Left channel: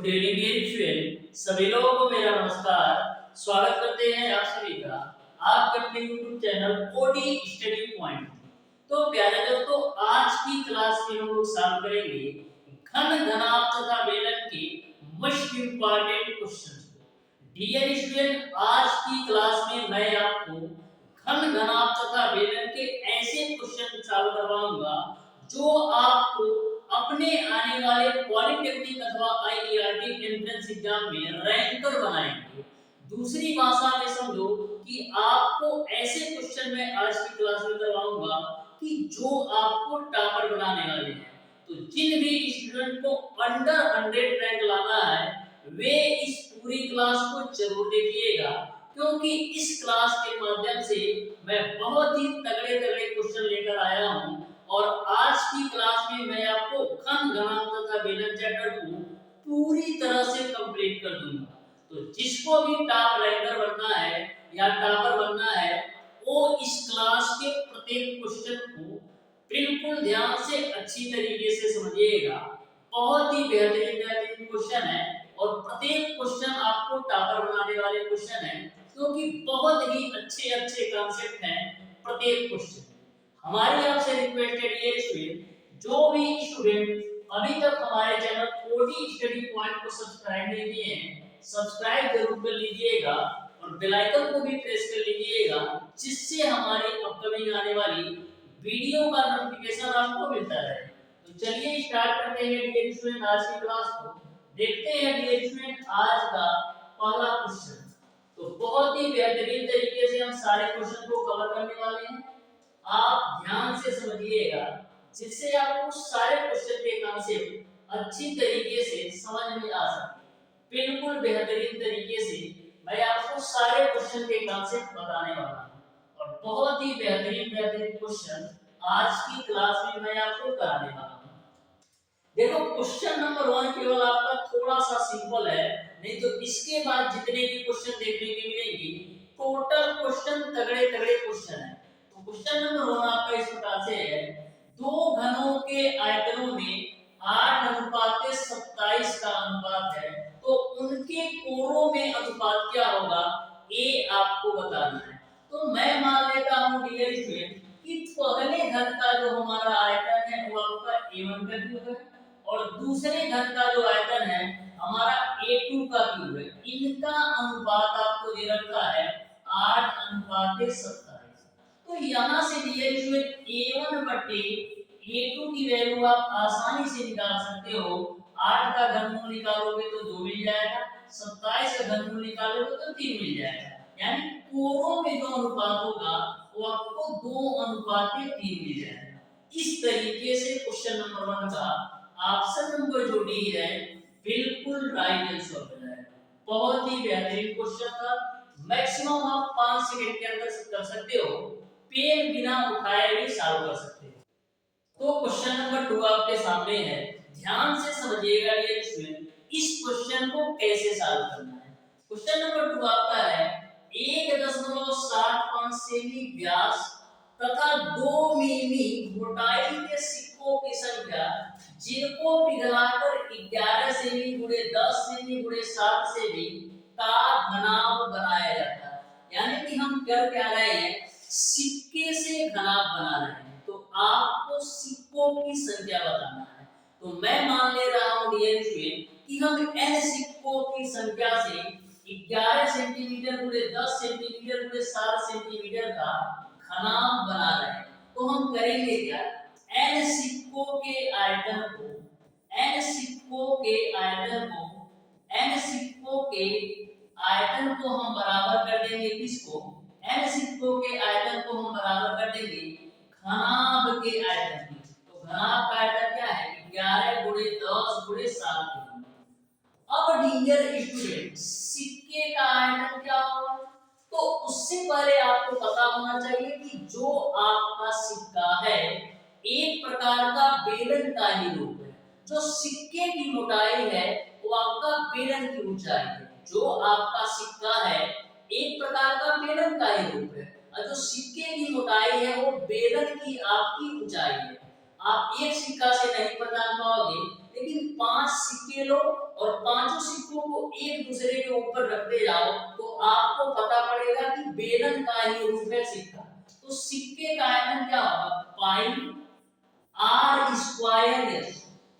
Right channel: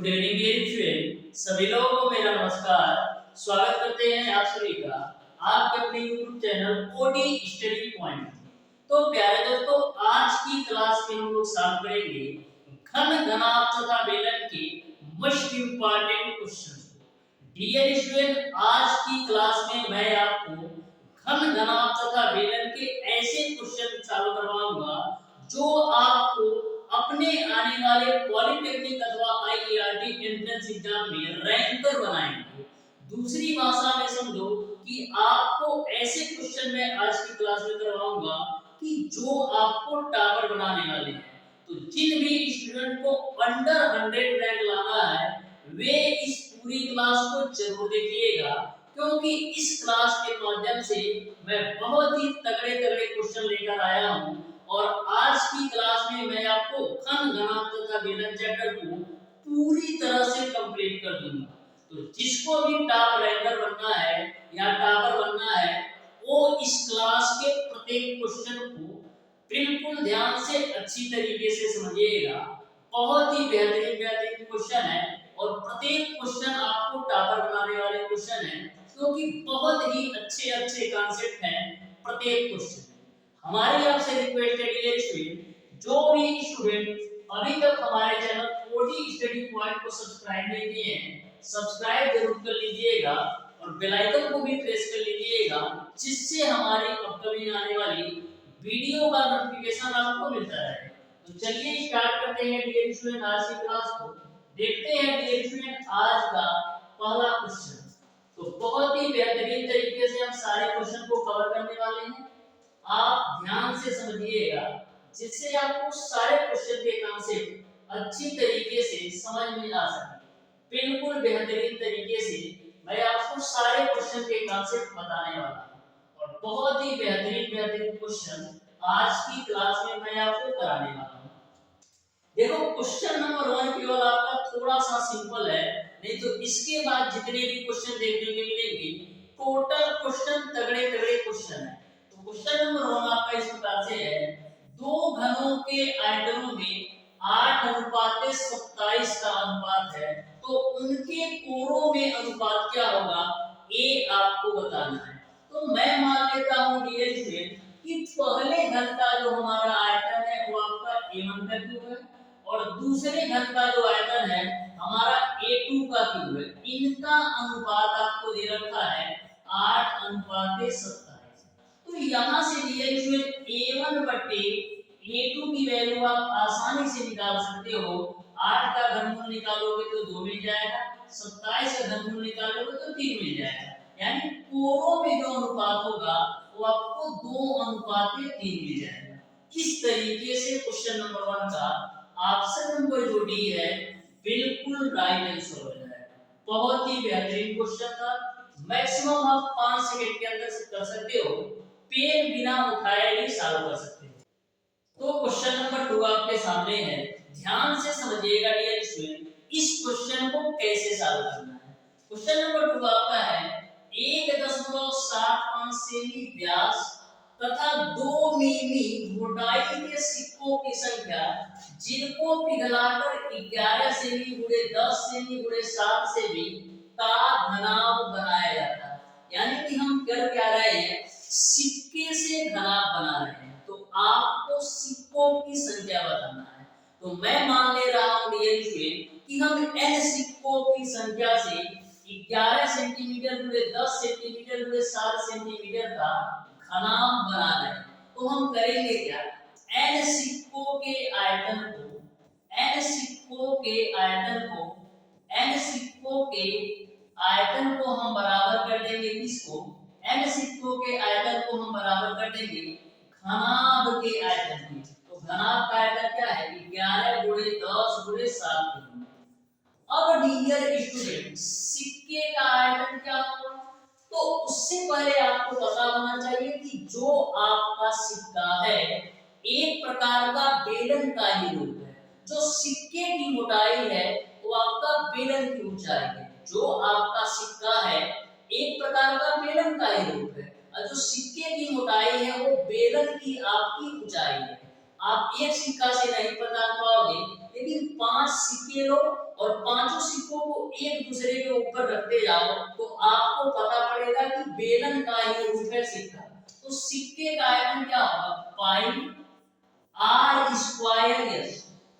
Good evening dear student, सभी लोगों को मेरा नमस्कार। स्वागत करते हैं आप सभी का आपके अपने YouTube channel OD study point. तो प्यारे दोस्तों, आज की क्लास में हम लोग सॉल्व करेंगे घन घनाभ तथा बेलन के मोस्ट इंपॉर्टेंट क्वेश्चंस को। डियर स्टूडेंट, आज की क्लास में मैं आपको घन घनाभ तथा बेलन के ऐसे क्वेश्चन सॉल्व करवाऊंगा जो आपको अपने आने वाले पॉलिटेक्निक अथवा आईईआरटी एंट्रेंस एग्जाम में रैंकर बनाएंगे। दूसरी भाषा में समझो कि आपको ऐसे क्वेश्चन मैं आज की क्लास में करवाऊंगा कि जो आपको टॉपर बनाने वाले हैं। तो जिन भी स्टूडेंट को अंडर 100 रैंक लाना है वे इस पूरी क्लास को जरूर देखिएगा, क्योंकि इस क्लास के माध्यम से मैं बहुत ही तगड़े तगड़े क्वेश्चन लेकर आया हूं। और आज की क्लास में मैं आपको घन घनाभ तथा बेलन चैप्टर को पूरी तरह से कंप्लीट कर दूंगा। तो जिसको भी टॉप रैंकर बनना है या टॉपर बनना है वो इस क्लास के प्रत्येक क्वेश्चन को बिल्कुल ध्यान से अच्छी तरीके से समझिएगा। बहुत ही बेहतरीन बेहतरीन क्वेश्चन है और प्रत्येक क्वेश्चन आपको टॉपर बनाने वाले क्वेश्चन है, क्योंकि बहुत ही अच्छे अच्छे कॉन्सेप्ट हैं प्रत्येक क्वेश्चन। हमारी आपसे रिक्वेस्ट है डियर स्टूडेंट, जो भी स्टूडेंट अभी तक हमारे चैनल ओडी स्टडी पॉइंट को सब्सक्राइब नहीं किए हैं, सब्सक्राइब जरूर कर लीजिएगा और बेल आइकन को भी प्रेस कर लीजिएगा, जिससे हमारी अपकमिंग आने वाली वीडियो का नोटिफिकेशन आपको मिलता रहे। तो चलिए स्टार्ट करते हैं डियर स्टूडेंट आज की क्लास को। देखते हैं डियर स्टूडेंट आज का पहला क्वेश्चन। तो बहुत ही बेहतरीन तरीके से हम सारे क्वेश्चन को कवर करने वाले हैं। आप ध्यान से समझिएगा, जिससे आपको सारे क्वेश्चन के कॉन्सेप्ट अच्छी तरीके से समझ में आ सके। बिल्कुल बेहतरीन तरीके से मैं आपको सारे क्वेश्चन के कॉन्सेप्ट बताने वाला हूं और बहुत ही बेहतरीन बेहतरीन क्वेश्चन आज की क्लास में मैं आपको कराने वाला हूं। देखो, क्वेश्चन नंबर 1 केवल आपका थोड़ा सा सिंपल है, नहीं तो इसके बाद जितने भी क्वेश्चन देखने के मिलेंगे टोटल क्वेश्चन तगड़े तगड़े क्वेश्चन है। क्वेश्चन नंबर 1 आपका इस प्रकार से है, दो घनों के आयतनों में 8:27 का अनुपात है, तो उनके कोणों में अनुपात क्या होगा ये आपको बताना है। तो मैं मान लेता हूं डियर स्टूडेंट कि पहले घन का जो हमारा आयतन है वो आपका A1 का क्यूब है और दूसरे घन का जो आयतन है हमारा A2 का क्यूब है। इनका अनुपात आपको दे रखा है 8:27। तो यहाँ से डियर स्टूडेंट A1 बटे A2 की वैल्यू आप आसानी से निकाल सकते हो। 8 का घनमूल निकालोगे तो 2 मिल जाएगा, 27 का घनमूल निकालोगे तो 3 मिल जाएगा। यानी कोणों में जो अनुपात होगा वो आपको 2:3 मिल जाएगा। इस तरीके से क्वेश्चन नंबर 1 का ऑप्शन नंबर जो डी है बिल्कुल राइट आंसर हो जाएगा। बहुत ही बेहतरीन क्वेश्चन था। मैक्सिमम आप 5 सेकंड के अंदर कर सकते हो, पेन बिना उठाए भी सॉल्व कर सकते हो। तो क्वेश्चन नंबर 2 आपके सामने है, ध्यान से समझिएगा डियर स्टूडेंट इस क्वेश्चन को कैसे सॉल्व करना है। क्वेश्चन नंबर 2 आपका है 1.75 सेमी व्यास तथा 2 मिमी मोटाई के सिक्कों की संख्या जिनको पिघलाकर 11 सेमी गुणे 10 सेमी गुणे 7 सेमी का घनाभ बनाया जाता है। यानी कि हम कर क्या रहे हैं, सिक्के से घनाभ बना रहे हैं। तो आपको सिक्कों की संख्या बताना है। तो मैं मान ले रहा हूं डियर स्टूडेंट कि हम n सिक्कों की संख्या से 11 सेंटीमीटर गुणे 10 सेंटीमीटर गुणे 7 सेंटीमीटर का घनाभ बना रहे हैं। तो हम करेंगे क्या, n सिक्कों के आयतन को n सिक्कों के आयतन को हम बराबर कर देंगे किसको, n सिक्कों के आयतन को हम बराबर कर देंगे घनाभ के आयतन की। तो घनाभ का आयतन क्या है 11 गुणे 10 गुणे 7। अब डियर स्टूडेंट सिक्के का आयतन क्या होगा, तो उससे पहले आपको पता होना चाहिए कि जो आपका सिक्का है एक प्रकार का बेलन का ही रूप है। जो सिक्के की मोटाई है वो आपका बेलन की ऊंचाई है। जो आपका सिक्का है एक प्रकार का बेलन का ही रूप है और जो सिक्के की मोटाई है वो बेलन की आपकी ऊंचाई है। आप एक सिक्का से नहीं पता पाओगे, लेकिन 5 सिक्के लो और पांचों सिक्कों को एक दूसरे के ऊपर रखते जाओ तो आपको पता पड़ेगा कि बेलन का ही रूप है सिक्का। तो सिक्के का आयतन क्या होगा, पाई आर स्क्वायर एस।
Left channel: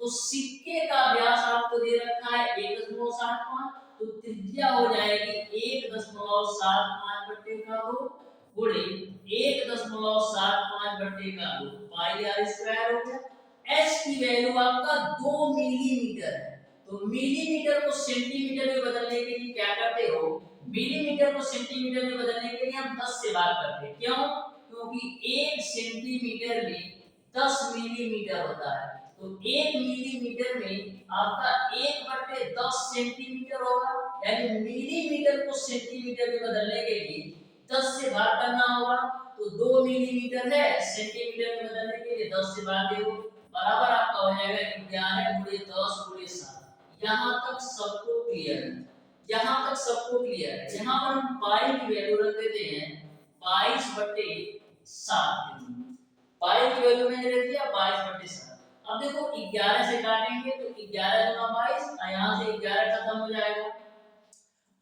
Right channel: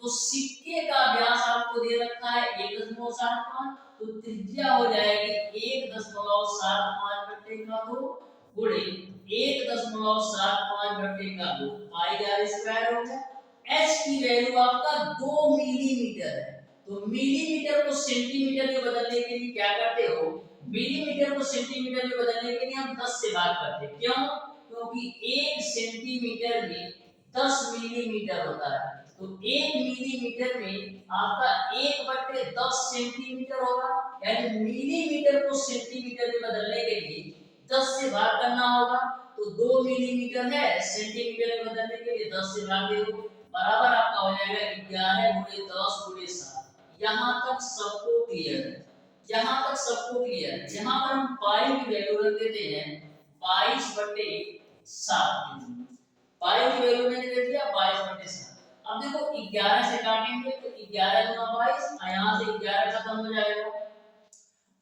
तो सिक्के का व्यास आपको दे रखा है 1.75, तो त्रिज्या हो जाएगी 1.75 बट्टे का 2 गुणे 1.75 बट्टे का 2 पाई आर स्क्वायर हो गया। एच की वैल्यू आपका 2 मिलीमीटर है। तो मिलीमीटर को सेंटीमीटर में बदलने के लिए क्या करते हो, मिलीमीटर को सेंटीमीटर में बदलने के लिए हम 10 से भाग करते हैं। क्यों, क्योंकि 1 सेंटीमीटर में 10 मिलीमीटर होता है। तो 1 मिलीमीटर में आपका 1/10 सेंटीमीटर होगा, यानी मिलीमीटर को सेंटीमीटर में बदलने के लिए 10 से भाग करना होगा। तो 2 मिलीमीटर है, सेंटीमीटर में बदलने के लिए 10 से भाग दे दो, बराबर आपका हो जाएगा 11 × 10 × 7। यहाँ तक सबको क्लियर है, यहाँ तक सबको क्लियर है। यहाँ पर हम पाई की वैल्यू रख देते हैं 22/7। पाई की वैल्यू मैंने रख दिया 22/7। अब देखो 11 से काटेंगे तो 11 × 22, यहाँ से 11 खत्म हो जाएगा।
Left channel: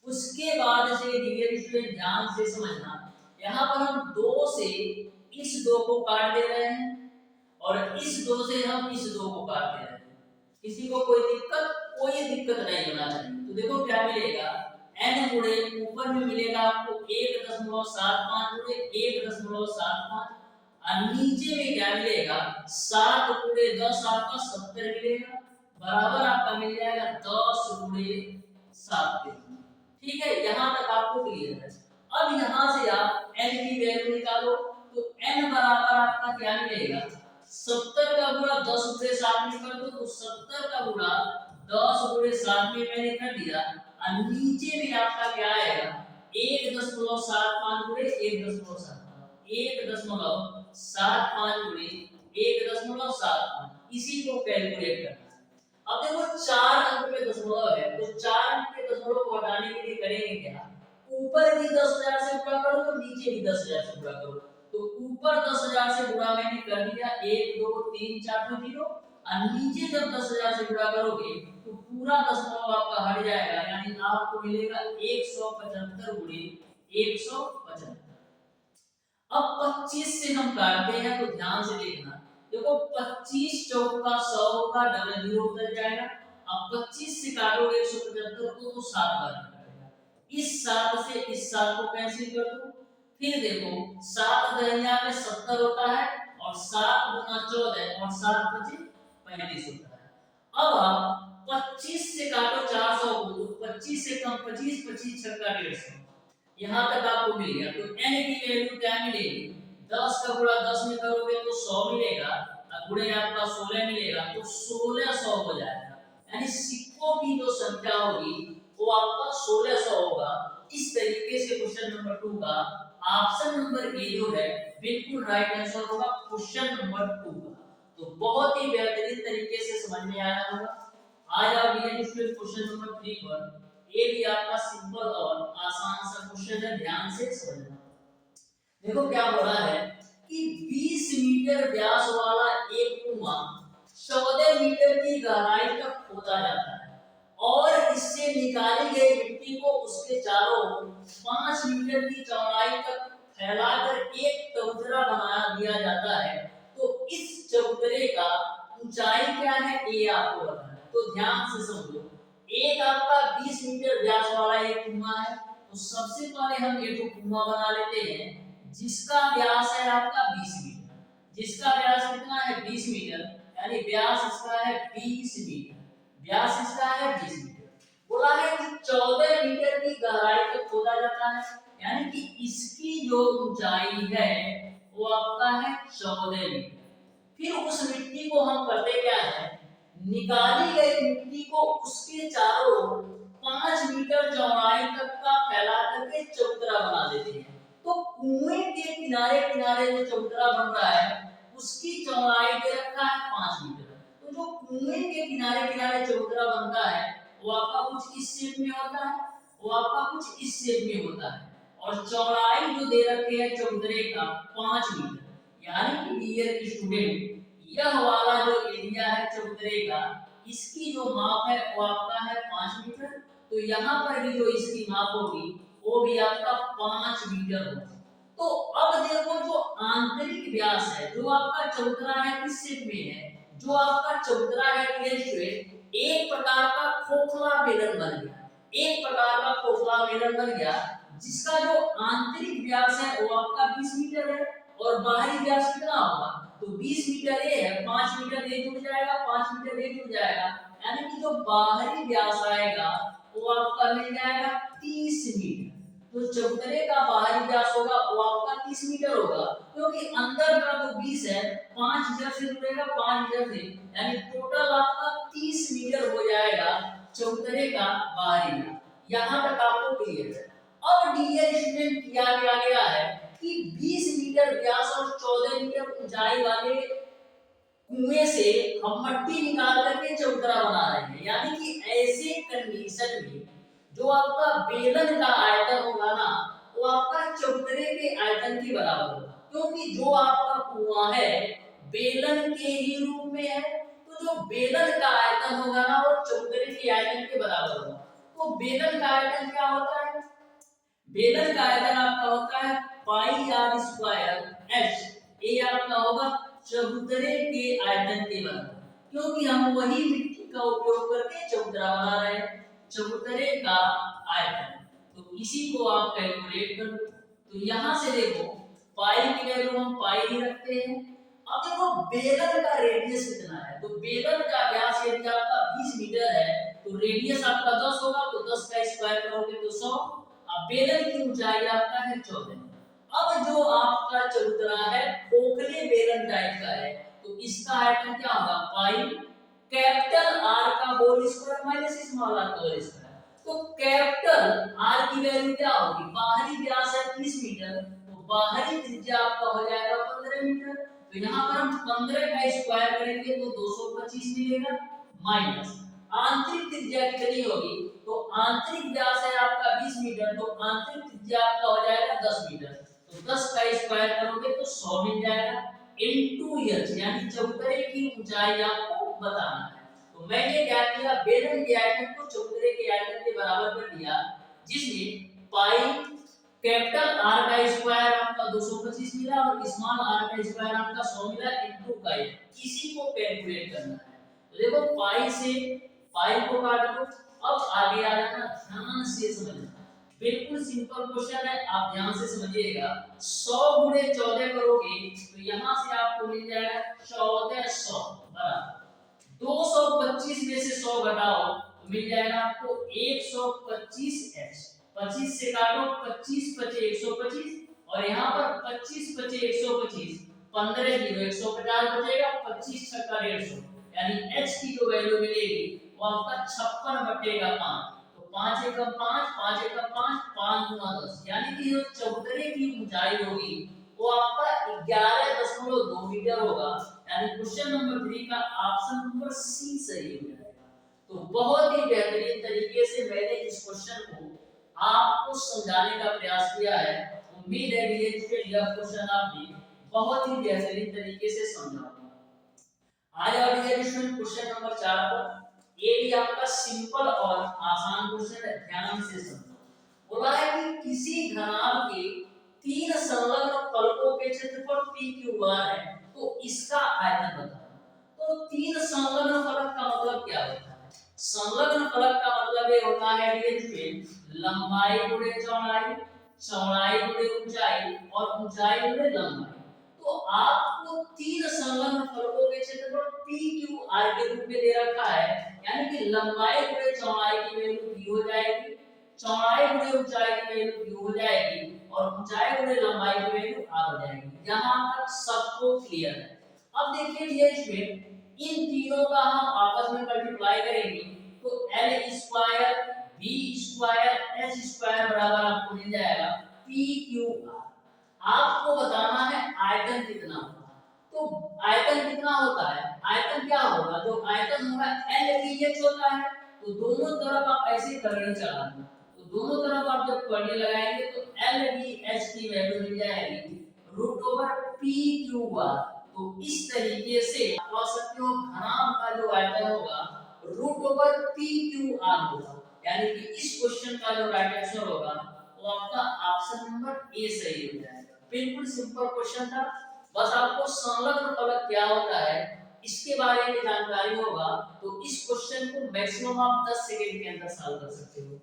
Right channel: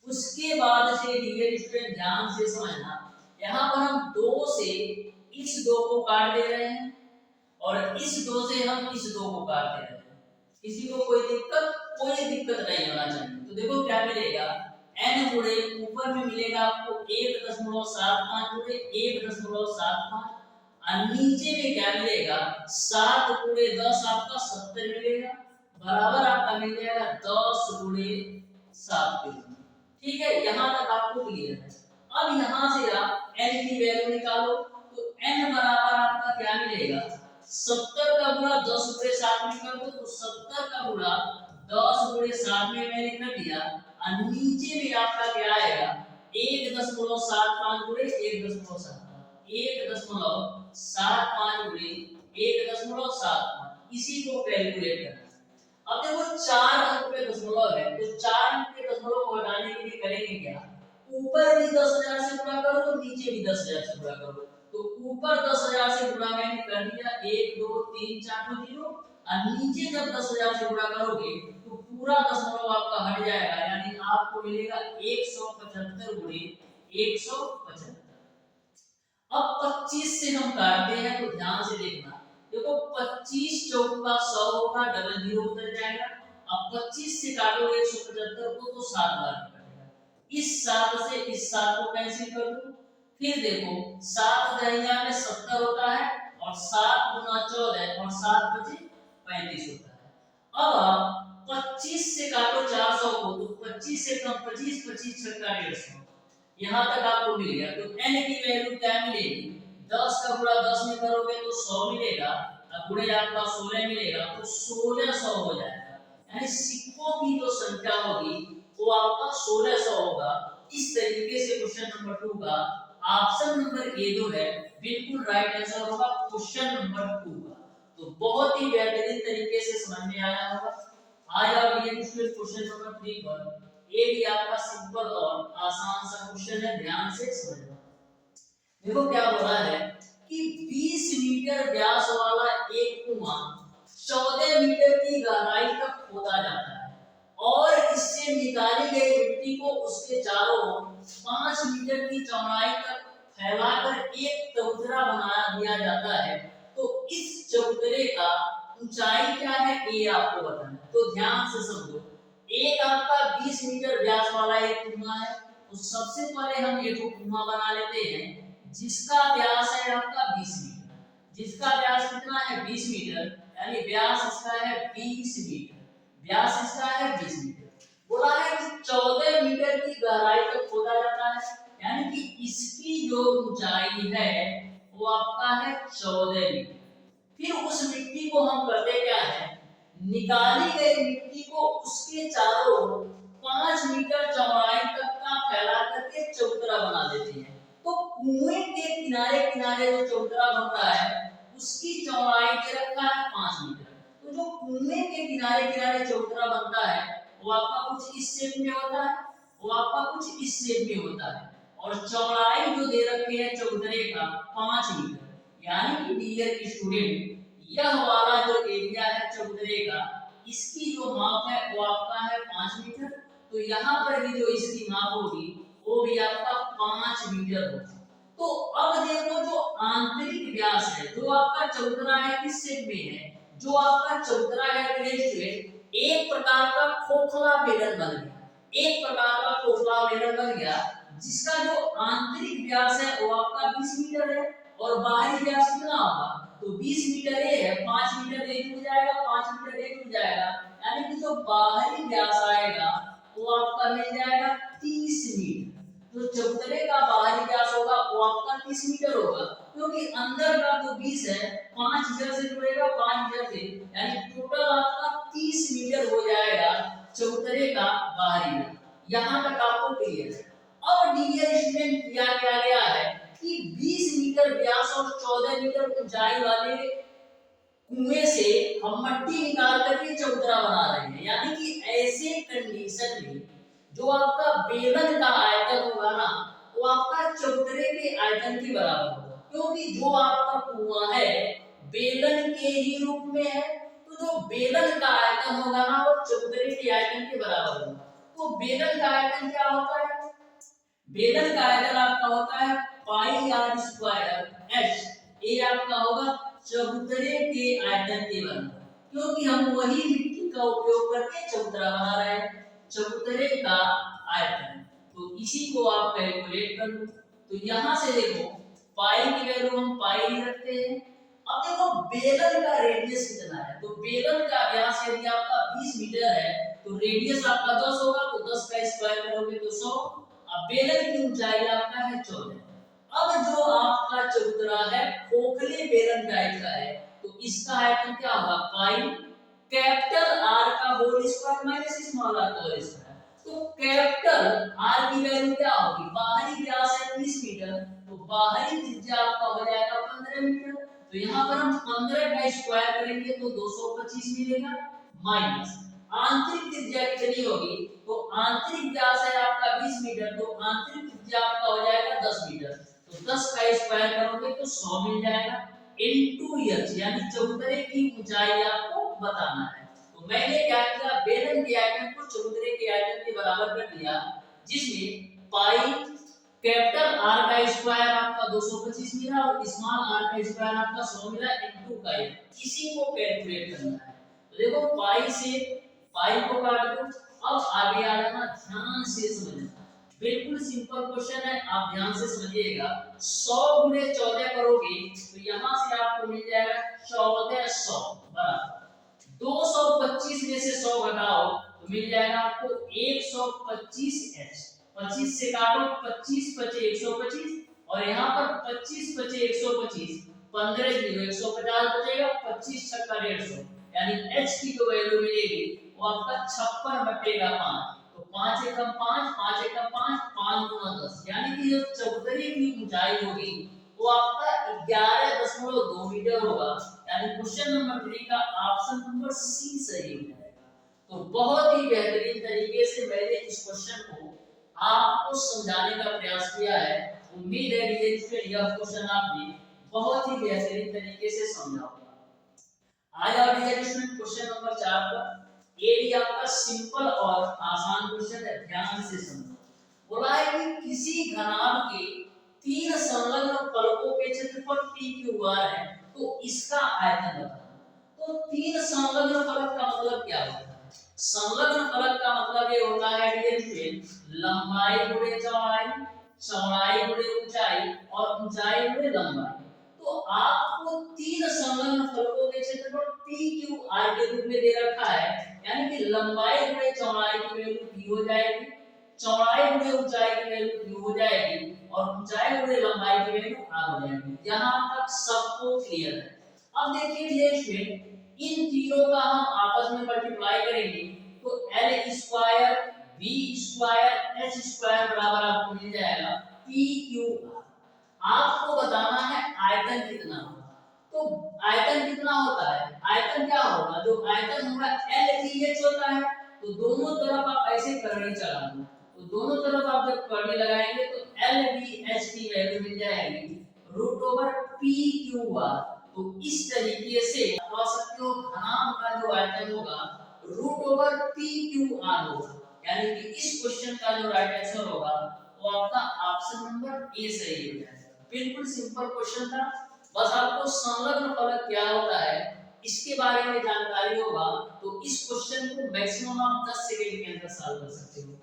उसके बाद से डियर स्टूडेंट ध्यान से समझना, यहाँ पर हम 2 से इस 2 को काट दे रहे हैं और इस 2 से हम इस 2 को काट दे रहे हैं। किसी को कोई दिक्कत नहीं होना चाहिए। तो देखो क्या मिलेगा, n गुणे ऊपर में मिलेगा आपको 1.75 गुणे 1.75 और नीचे में क्या मिलेगा 7 × 10 आपका 70 मिलेगा, बराबर आपका मिल जाएगा 10 × 7। ठीक है, यहाँ तक आपको क्लियर है। अब यहाँ से आप n की वैल्यू निकालो, तो n बराबर आपका क्या मिलेगा 70 का गुणा 10 × 7 में कर दो, तो 70 का गुणा 10 × 7 में मैंने कर दिया और नीचे में आपका क्या आएगा 1.75 गुणे 1.75 गुणे 1.75, इसी को कैलकुलेट करना। अब देखो 4 अंक पे दशमलव है, तो 4 अंक के दशमलव को हटाने के लिए करेंगे क्या, ऊपर भी 10,000 से गुणा करो तो नीचे भी 10,000 से गुणा करो। तो ऊपर 10,000 से गुणा मैंने कर दिया 1 2 3 4 तो 0, और नीचे जब 10,000 से गुणा करोगे तो पूरा दशमलव आपका हट जाएगा, यानी आपको मिलेगा 175 गुणे 175। अब 25 से हम काटते हैं, तो ध्यान से देखना, देखो 25 चौक का 100 होगा, डबल 0 उधर जाएगा। अब 25 से काटोगे 175 को तो 7 बार काटेगा, इस 7 से इस 7 को कैंसिल कर दो। फिर देखो 7 दहिया में 70 होता है और 7 गुना 14 और 7 × 35 होता है। अब आप 25 से काटो 400 को, तो 25 से कम 25, 25 छक्का 150, यहाँ तक आपको मिल गया। तो n की वैल्यू क्या मिलेगी, 10 का गुणा 10 में करोगे तो 100 मिलेगा, अब गुणे आपका 16 मिलेगा, तो 1600 हो जाएगा, यानी सिक्कों की जो संख्या होगी वो आपका 1600 होगा। इस तरीके से क्वेश्चन नंबर 2 का ऑप्शन नंबर ए जो है बिल्कुल राइट आंसर होगा क्वेश्चन नंबर 2 का। तो बहुत ही बेहतरीन तरीके से समझ में आया होगा। आज आप ये क्वेश्चन नंबर 3 पर, ये भी आपका सिंपल और आसान सा क्वेश्चन है, ध्यान से समझना। देखो क्या हो रहा है कि 20 मीटर व्यास वाला एक कुआं 14 मीटर की गहराई तक खोदा जाता है और इससे निकाली गई मिट्टी को उसके चारों ओर 5 मीटर की चौड़ाई तक फैलाकर एक चबूतरा बना दिया जाता है। तो इस चबूतरे का ऊंचाई क्या है ये आपको बताना है, तो ध्यान से समझो। एक आपका 20 मीटर व्यास वाला एक कुआं है, तो सबसे पहले हम ये तो कुआं बना लेते हैं जिसका व्यास है आपका 20 मीटर। जिसका व्यास कितना है 20 मीटर, यानी व्यास इसका है 20 मीटर, व्यास इसका है 20 मीटर। बोला है कि 14 मीटर की गहराई तक खोदा जाता है, यानी कि इसकी जो ऊंचाई है वो आपका है 14 मीटर। फिर उस मिट्टी को हम करते क्या है, निकाली गई मिट्टी को उसके चारों ओर 5 मीटर चौड़ाई तक का फैला करके चबूतरा बना देते हैं। तो कुएं के किनारे किनारे जो चबूतरा बन रहा है उसकी चौड़ाई दे रखा है 5 मीटर। तो जो कुएं के किनारे किनारे चबूतरा बनता है वो आपका कुछ इस शेप में होता है, वो आपका कुछ इस शेप में होता है, और चौड़ाई जो दे रखे है चबूतरे का 5 मीटर। यानी कि डियर स्टूडेंट यह वाला जो एरिया है चबूतरे का, इसकी जो माप है वो आपका है 5 मीटर। तो यहाँ पर भी जो इसकी माप होगी वो भी आपका 5 मीटर होगा। तो अब देखो जो आंतरिक व्यास है, जो आपका चबूतरा है किस शेप में है, जो आपका चबूतरा है स्टूडेंट एक प्रकार का खोखला बेलन बन गया, एक प्रकार का खोखला बेलन बन गया, जिसका जो आंतरिक व्यास है वो आपका 20 मीटर है और बाहरी व्यास कितना होगा, तो 20 मीटर ये है, 5 मीटर ये जुड़ जाएगा, 5 मीटर ये जुड़ जाएगा, यानी कि जो बाहरी व्यास आएगा वो आपका मिल जाएगा 30 मीटर। जो चबूतरे का बाहरी व्यास होगा वो आपका 30 मीटर होगा, क्योंकि अंदर का तो 20 है, 5 इधर से जुड़ेगा 5 इधर से, यानी टोटल आपका 30 मीटर हो जाएगा चबूतरे का बाहरी व्यास। यहाँ तक आपको क्लियर है। अब डियर स्टूडेंट किया गया है कि 20 मीटर व्यास और 14 मीटर ऊंचाई वाले कुएं से हम मट्टी निकाल करके चबूतरा बना रहे हैं, यानी कि ऐसे कंडीशन में जो आपका बेलन का आयतन होगा ना वो आपका चबूतरे के आयतन के बराबर होगा, क्योंकि जो आपका कुआं है बेलन के ही रूप में है, तो जो बेलन का आयतन होगा ना वो चबूतरे के आयतन के बराबर होगा। तो बेलन का आयतन क्या होता है, बेलन का आयतन आपका होता है पाई आर स्क्वायर एच, ये आपका होगा चबूतरे के आयतन के बराबर, क्योंकि हम वही मिट्टी का उपयोग करके चबूतरा बना रहे हैं, चबूतरे का आयतन। तो इसी को आप कैलकुलेट कर लो। तो यहां से देखो पाई की वैल्यू हम पाई ही रखते हैं। अब देखो बेलन का रेडियस कितना है, तो बेलन का व्यास यदि आपका 20 मीटर है तो रेडियस आपका 10 होगा, तो 10 का स्क्वायर करोगे तो 100। अब बेलन की ऊंचाई आपका है 14। अब जो आपका चबूतरा है खोखले बेलन टाइप का है, तो इसका आयतन क्या होगा, पाई कैपिटल आर का whole square minus small R का होल स्क्वायर। तो कैपिटल आर की वैल्यू क्या होगी, बाहरी व्यास है 30 मीटर, तो बाहरी त्रिज्या आपका हो जाएगा 15 मीटर। तो यहाँ पर हम 15 का स्क्वायर करेंगे तो 225 मिलेगा, माइनस आंतरिक त्रिज्या कितनी होगी, तो आंतरिक व्यास है आपका 20 मीटर, तो आंतरिक त्रिज्या आपका हो जाएगा 10 मीटर, तो 10 का स्क्वायर करोगे तो 100 मिल जाएगा इनटू एच, यानी चबूतरे की ऊंचाई आपको बताना है। तो मैंने क्या किया, बेलन के आयतन को चबूतरे के आयतन के बराबर कर दिया, जिसमें पाई कैपिटल आर का स्क्वायर आपका 225 मिला और स्मॉल आर का स्क्वायर आपका 100 मिला इनटू का इसी को कैलकुलेट करना है। तो देखो पाई से पाई को काट दो। अब आगे आ जाना, ध्यान से समझना, बिल्कुल सिंपल क्वेश्चन है, आप ध्यान से समझिएगा। 100 गुणे 14 करोगे तो यहां से आपको मिल जाएगा 1400 बराबर 225 में से 100 घटाओ तो मिल जाएगा आपको 125 एच। 25 से काटो, 25 बचे 125 और यहाँ पर 25 बचे 125, 15 जीरो 150 बचेगा, 25 छक्का 150, यानी एच की जो वैल्यू मिलेगी वो आपका 56 बटेगा 5। तो 5 एकम 5, 5 एकम 5, 5 गुना 10, यानी कि जो चबूतरे की ऊंचाई होगी वो आपका 11.2 मीटर होगा, यानी क्वेश्चन नंबर 3 का ऑप्शन नंबर सी सही हो जाएगा। तो बहुत ही बेहतरीन तरीके से मैंने इस क्वेश्चन को आपको समझाने का प्रयास किया है। उम्मीद है कि यह क्वेश्चन आपने बहुत ही बेहतरीन तरीके से समझा होगा। आज और डियर स्टूडेंट क्वेश्चन नंबर 4 पर, ये भी आपका सिंपल और आसान क्वेश्चन है, ध्यान से समझना। बोला है कि किसी घनाभ के 3 संलग्न फलकों के क्षेत्रफल p q r है, तो इसका आयतन बताना। तो 3 संलग्न फलक का मतलब क्या होता है, संलग्न फलक का मतलब ये होता है डियर स्टूडेंट लंबाई गुणे चौड़ाई, चौड़ाई गुणे ऊंचाई और ऊंचाई गुणे लंबाई। तो आपको 3 संलग्न फलकों के क्षेत्रफल p q r के रूप में दे रखा है, यानी कि लंबाई गुणे चौड़ाई की वैल्यू p हो जाएगी, चौड़ाई गुणे ऊंचाई की वैल्यू q हो जाएगी और ऊंचाई गुणे लंबाई की वैल्यू r हो जाएगी। यहां तक सबको क्लियर है। अब देखिए डियर स्टूडेंट इन तीनों का हम आपस में मल्टीप्लाई करेंगे तो l square v square h square बराबर आपको मिल जाएगा p q r। आपको बताना है आयतन कितना होगा। तो आयतन कितना होता है, आयतन क्या होगा, जो आयतन होगा LVH होता है। तो दोनों तरफ आप ऐसे करंट चला दो, तो दोनों तरफ आप जब करंट लगाएंगे तो LVH की वैल्यू मिल जाएगी √PQR। तो इस तरीके से सकते हो घनाभ का जो आयतन होगा root over P Q R होगा, यानी कि इस क्वेश्चन का जो राइट आंसर होगा वो आपका ऑप्शन नंबर ए सही हो जाएगा। बिल्कुल सिंपल क्वेश्चन था, बस आपको संलग्न फलक क्या होता है इसके बारे में जानकारी होगा तो इस क्वेश्चन को मैक्सिमम आप 10 सेकंड के अंदर सॉल्व कर सकते हो।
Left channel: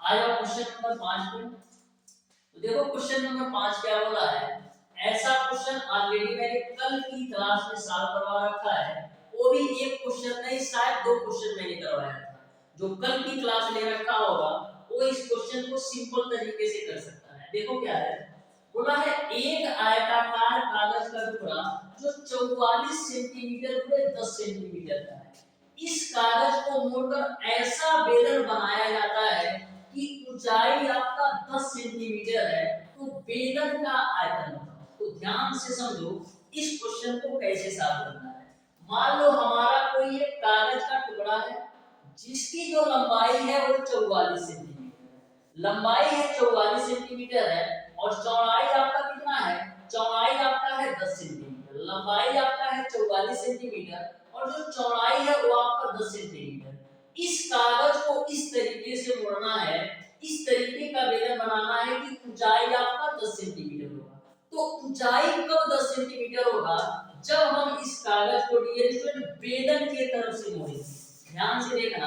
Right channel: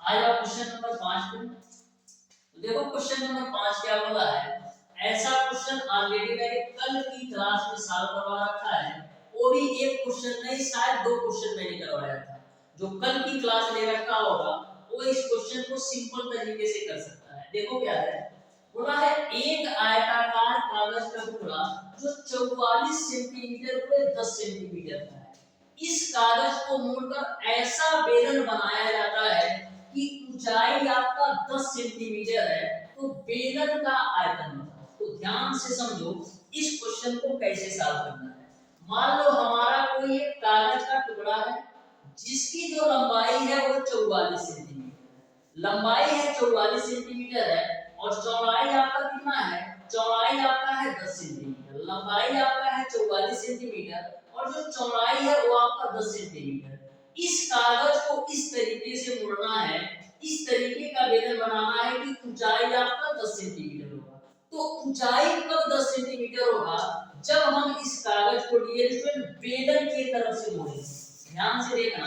आ जाओ क्वेश्चन नंबर 5 पे। तो देखो क्वेश्चन नंबर 5 क्या बोला है, ऐसा क्वेश्चन ऑलरेडी मैंने कल की क्लास में सॉल्व करवा रखा है, वो भी एक क्वेश्चन नहीं शायद 2 क्वेश्चन मैंने करवाया था। जो कल की क्लास ले रखा होगा वो इस क्वेश्चन को सिंपल तरीके से कर सकता है। देखो क्या है, बोला है एक आयताकार कागज का टुकड़ा जो 44 सेंटीमीटर गुणे 10 सेंटीमीटर का है, इस कागज को मोड़कर ऐसा बेलन बनाया जाता है कि ऊंचाई आपका 10 सेंटीमीटर है, तो बेलन का आयतन बताओ। तो ध्यान से समझो इस क्वेश्चन को कैसे सॉल्व करना है। मान लो हमारा कोई एक कागज का टुकड़ा है जिसकी जो लंबाई है वो 44 सेंटीमीटर है, लंबाई है 44 सेंटीमीटर है और चौड़ाई आपका कितना है, चौड़ाई आपका है 10 सेंटीमीटर, लंबाई आपका है 44 सेंटीमीटर और जो चौड़ाई है वो आपका 10 सेंटीमीटर। इस कागज को इस तरीके से मोड़ना है, इस तरीके का बेलन बनाना है कि ऊंचाई आपका 10 सेंटीमीटर होगा। तो ऊंचाई कब 10 सेंटीमीटर होगा, जब हम इस कागज को डियर स्टूडेंट बेलन के तरफ से मोड़ेंगे। ध्यान से देखना,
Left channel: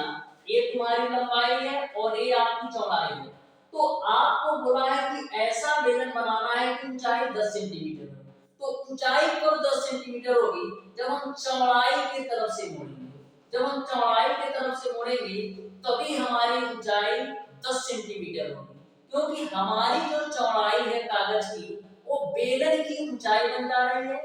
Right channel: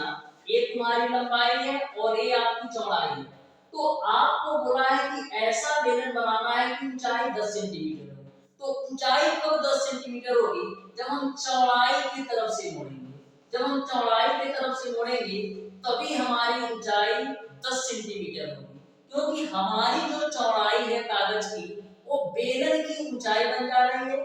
ये तुम्हारी लंबाई है और ये आपकी चौड़ाई है, तो आपको बोला है कि ऐसा बेलन बनाना है कि ऊंचाई 10 सेंटीमीटर हो। तो ऊंचाई कब 10 सेंटीमीटर होगी, जब हम चौड़ाई की तरफ से मोड़ेंगे। जब हम चौड़ाई की तरफ से मोड़ेंगे तभी हमारी ऊंचाई 10 सेंटीमीटर होगी, क्योंकि हमारी जो चौड़ाई है कागज की वो बेलन की ऊंचाई बन जा रही है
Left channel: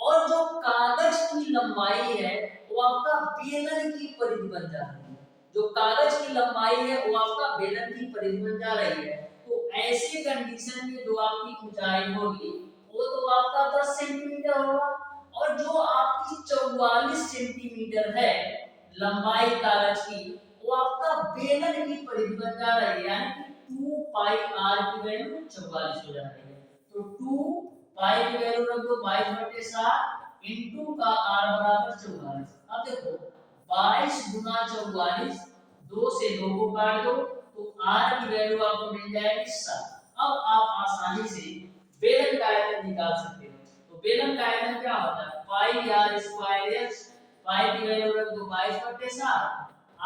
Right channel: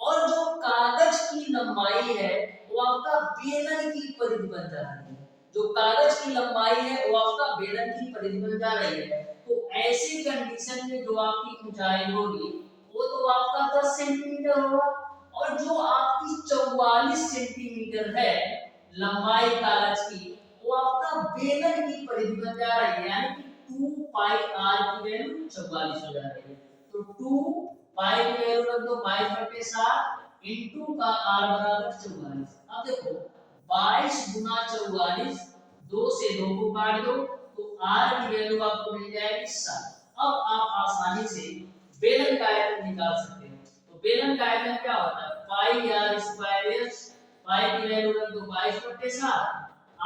और जो कागज की लंबाई है वो आपका बेलन की परिधि बन जा रही है। जो कागज की लंबाई है वो आपका बेलन की परिधि बन जा रही है। तो ऐसे कंडीशन में जो आपकी ऊंचाई होगी वो तो आपका 10 सेंटीमीटर होगा और जो आपकी 44 सेंटीमीटर है लंबाई कागज की वो आपका बेलन की परिधि बन जा रही है, यानी कि 2 पाई r की वैल्यू 44 हो जा रही है। तो 2 पाई की वैल्यू रख दो 22/7 इनटू का r बराबर 44। अब देखो 22 गुना 44, 2 से 2 को काट दो तो r की वैल्यू आपको मिल जाएगी 7। अब आप आसानी से बेलन का आयतन निकाल सकते हो। तो बेलन का आयतन क्या होता है, पाई r स्क्वायर s, पाई की वैल्यू रख दो 22/7,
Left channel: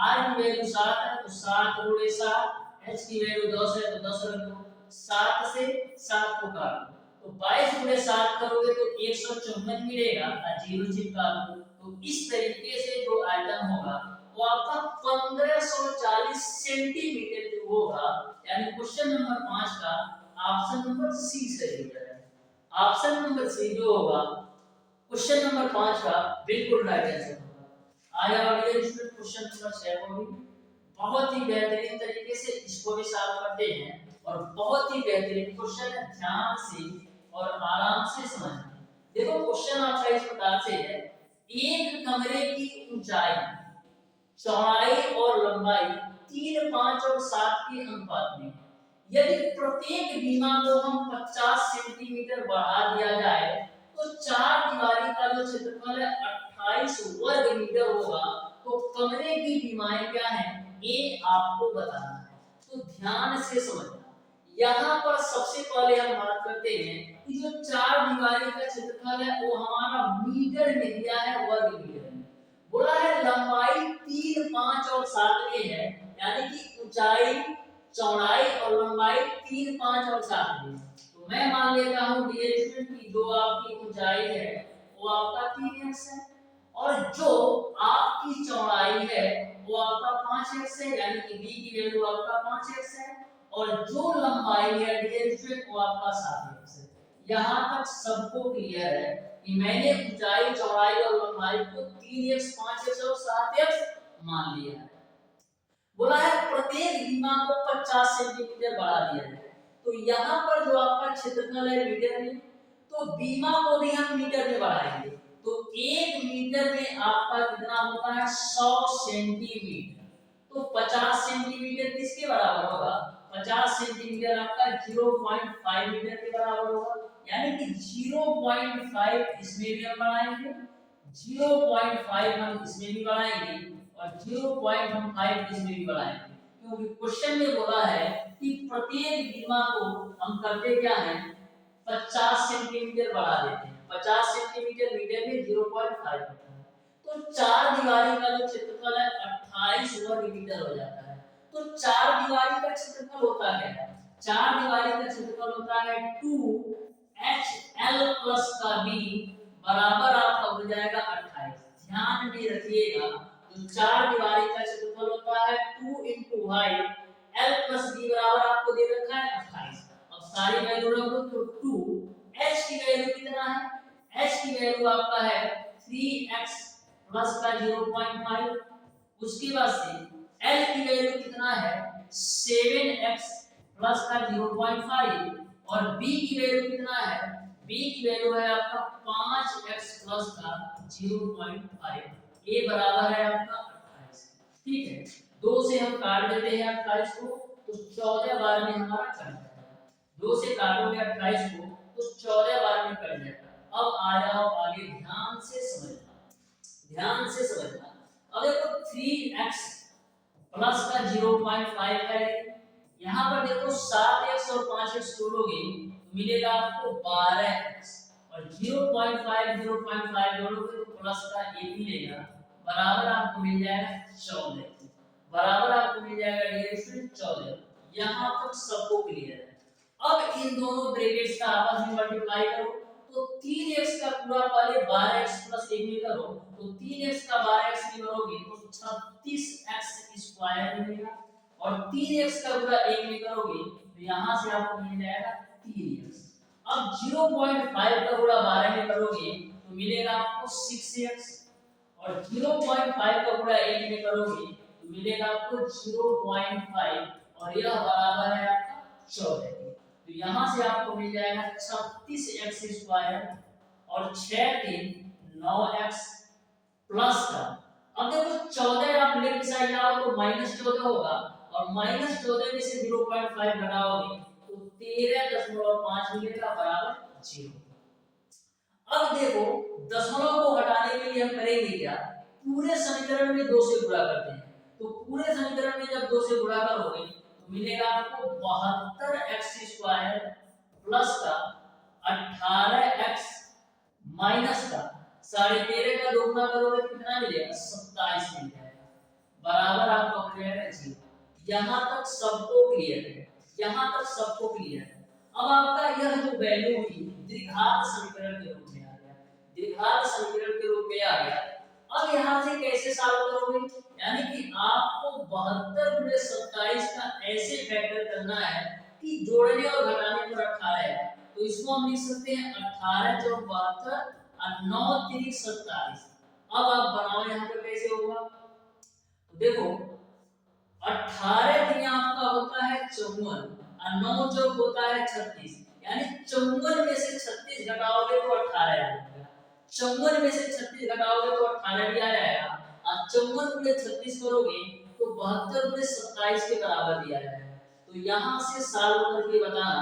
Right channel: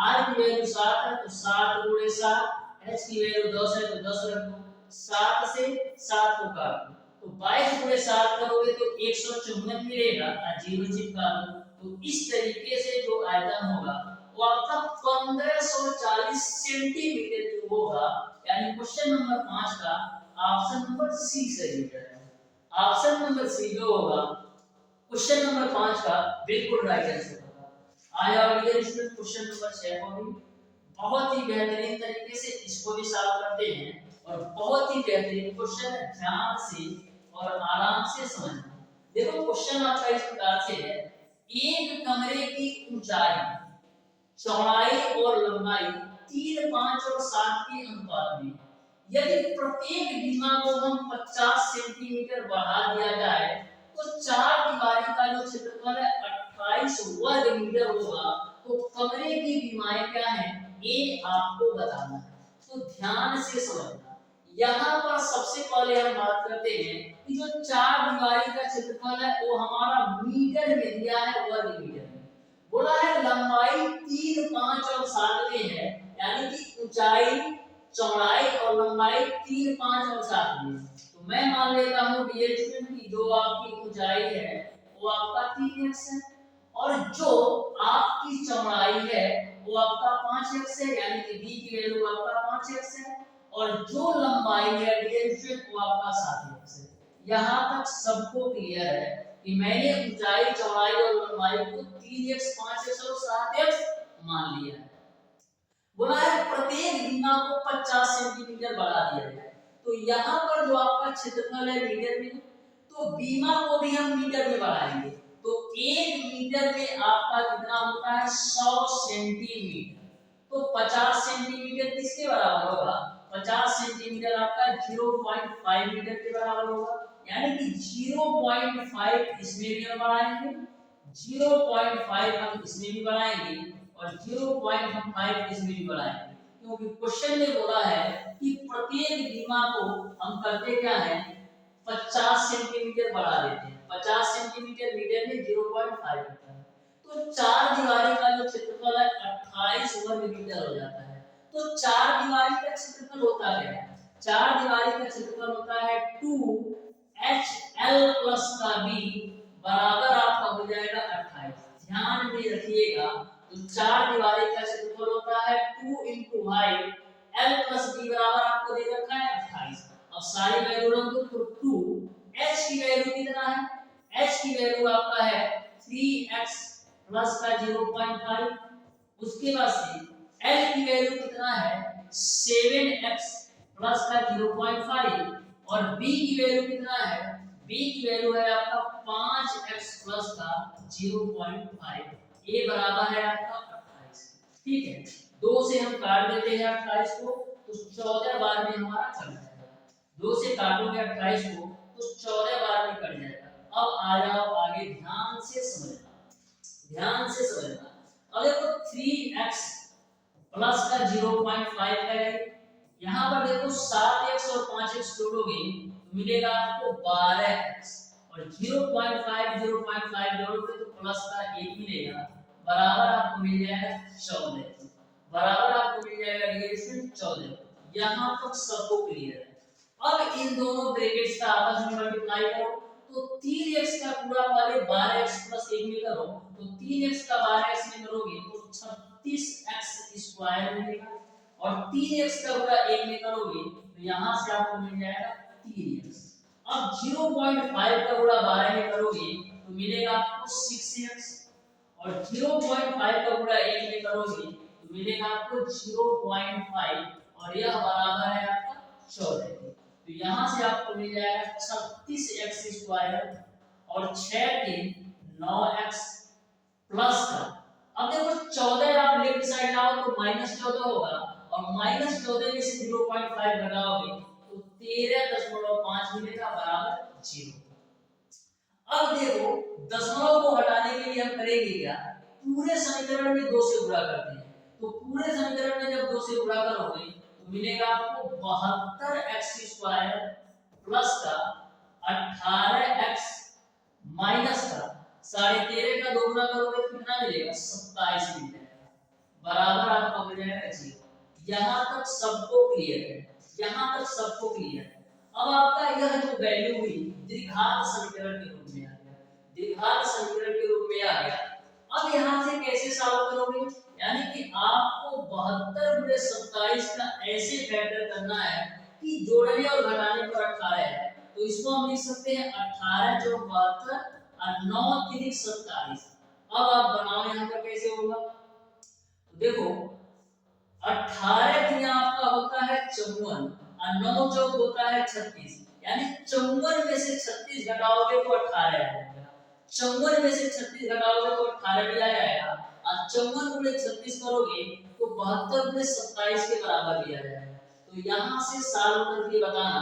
r की वैल्यू 7 है तो 7 गुणे 7, h की वैल्यू 10 है तो 10 रख दो, 7 से 7 को काट दो तो 22 गुणे 7 करोगे तो 154 मिलेगा और 0 चिपका दो। तो इस तरीके से जो आयतन होगा वो आपका 1540 सेंटीमीटर क्यूब होगा, यानी क्वेश्चन नंबर 5 का ऑप्शन नंबर सी सही हो जाएगा। ऑप्शन नंबर सी जो होगा क्वेश्चन नंबर 5 का बिल्कुल राइट आंसर होगा। आया और ये क्वेश्चन नंबर 6 को भी बहुत ही बेहतरीन तरीके से इसको भी सॉल्व करते हैं और बहुत ही बेहतरीन क्वेश्चन है, ध्यान से और आराम से समझना। देखो क्वेश्चन आपका इस प्रकार से है, एक कमरे की ऊंचाई, चौड़ाई और लंबाई 3, 5 और 7 के अनुपात में यदि प्रत्येक बीमा को हम 50 सेंटीमीटर बढ़ा दिया जाए तो चार दीवारी का जो क्षेत्रफल है 28 वर्ग मीटर होगा। तो कमरे की बीमाएं क्या हैं ये आपको बताना है, तो ध्यान से समझना। यहाँ पर सबसे पहले हम बात करते हैं कि जो चार दीवारी का क्षेत्रफल है वो हमारा मीटर में दिया है, वर्ग मीटर में। बोला है लंबाई 3, 5 और 7 में है, यानी कि ऊंचाई, चौड़ाई और लंबाई 3, 5 और 7 में। तो मैं मान लेता हूँ डियर स्टूडेंट की जो आपकी ऊंचाई है वो आपका 3x है और जो आपकी चौड़ाई है वो आपका 5x है, यानी कि b की वैल्यू आपका 5x है और जो लंबाई है डियर स्टूडेंट वो आपका 7x है। यहाँ तक सबको क्लियर है कि मैंने ऊंचाई, चौड़ाई और लंबाई को 3x, 5x और 7x मान लिया है। बोला है प्रत्येक बीमा को 50 सेंटीमीटर बढ़ा दिया जाए, तो यहाँ पर जो आपका क्षेत्रफल है मीटर में, तो बीमा को भी हम मीटर में बढ़ाएंगे तो 1 मीटर में आपका कितना होता है 100 सेंटीमीटर। तो 50 सेंटीमीटर किसके बराबर होगा, 50 सेंटीमीटर आपका 0.5 मीटर के बराबर होगा, यानी कि 0.5 इसमें भी हम बढ़ाएंगे, 0.5 हम इसमें भी बढ़ाएंगे और 0.5 इसमें भी बढ़ाएंगे, क्योंकि क्वेश्चन में बोला है कि प्रत्येक बीमा को हम करते क्या है 50 सेंटीमीटर बढ़ा देते हैं। 50 सेंटीमीटर मीटर में 0.5 होता है, तो चार दीवारी का जो क्षेत्रफल है 28 वर्ग मीटर हो जाता है। तो चार दीवारी का क्षेत्रफल होता क्या है? चार दीवारी का क्षेत्रफल होता है 2HL प्लस का B बराबर आपका हो जाएगा 28। ध्यान में रखिएगा, तो चार दीवारी का क्षेत्रफल होता है 2 into height L plus B बराबर आपको दे रखा है 28। अब सारी वैल्यू रख दो, तो 2 H की वैल्यू कितना है? H की वैल्यू आपका है 3x प्लस का 0.5। उसके बाद से L की वैल्यू कितना है 7x प्लस का 0.5 और B की वैल्यू कितना है? B की वैल्यू है आपका 5x प्लस का 0.5। ये बराबर है आपका 28। ठीक है, 2 से हम काट देते हैं 28 को, तो 14 बार में हमारा कट जाएगा। 2 से काटोगे 28 को तो 14 बार में कट जाएगा। अब आ जाओ आगे, ध्यान से समझना, ध्यान से समझना। अब देखो 3x प्लस का 0.5 है, यहाँ पर देखो 7x और 5x जोड़ोगे तो मिलेगा आपको 12x और 0.5 जोड़ोगे तो प्लस का 1 मिलेगा, बराबर आपको मिल जाएगा 14। बराबर आपको मिल जाएगा डियर 14। यहाँ तक सबको क्लियर है। अब इन दोनों ब्रैकेट्स का आपस में मल्टीप्लाई करो, तो 3x का पूरा पहले 12x प्लस 1 में करो, तो 3x का 12x में करोगे तो 36x स्क्वायर मिलेगा और 3x का पूरा 1 में करोगे तो यहां से आपको मिल जाएगा 3x। अब 0.5 का पूरा 12 में करोगे तो मिलेगा आपको 6x और 0.5 का पूरा 1 में करोगे तो मिलेगा आपको 0.5 और यह बराबर है आपका 14 के। तो यहां से आपको मिल जाएगा 36x स्क्वायर और 6 3 9x प्लस का, अब देखो 14 आप लेफ्ट साइड लाओ तो -14 होगा और -14 में से 0.5 घटाओगे तो 13.5 मिलेगा बराबर 0। अब देखो दशमलव को हटाने के लिए हम करेंगे क्या, पूरे समीकरण में 2 से गुणा करते हैं। तो पूरे समीकरण में जब 2 से गुणा करोगे तो मिलेगा आपको 72x स्क्वायर प्लस का 18x माइनस का 13.5 का 2 गुना करोगे तो कितना मिलेगा 27 मिल जाएगा, बराबर आपको मिल जाएगा 0। यहाँ तक सबको क्लियर है? यहाँ तक सबको क्लियर है? अब आपका यह जो वैल्यू हुई द्विघात समीकरण के रूप में आ गया, द्विघात समीकरण के रूप में आ गया। अब यहाँ से कैसे सॉल्व करोगे, यानी कि आपको 72 गुणे 27 का ऐसे फैक्टर करना है कि जोड़ने और घटाने पर 18 है, तो इसको हम लिख सकते हैं 18 × 72 और 9 × 27। अब आप बनाओ यहाँ पर कैसे होगा, तो देखो 18 3 आपका होता है 54 और 9 चौक होता है 36, यानी 54 में से 36 घटाओगे तो 18 आ जाएगा। 54 में से 36 घटाओगे तो 18 भी आ जाएगा और 54 गुणे 36 करोगे तो 72 गुणे 27 के बराबर भी आ जाएगा। तो यहाँ से सॉल्व करके बताना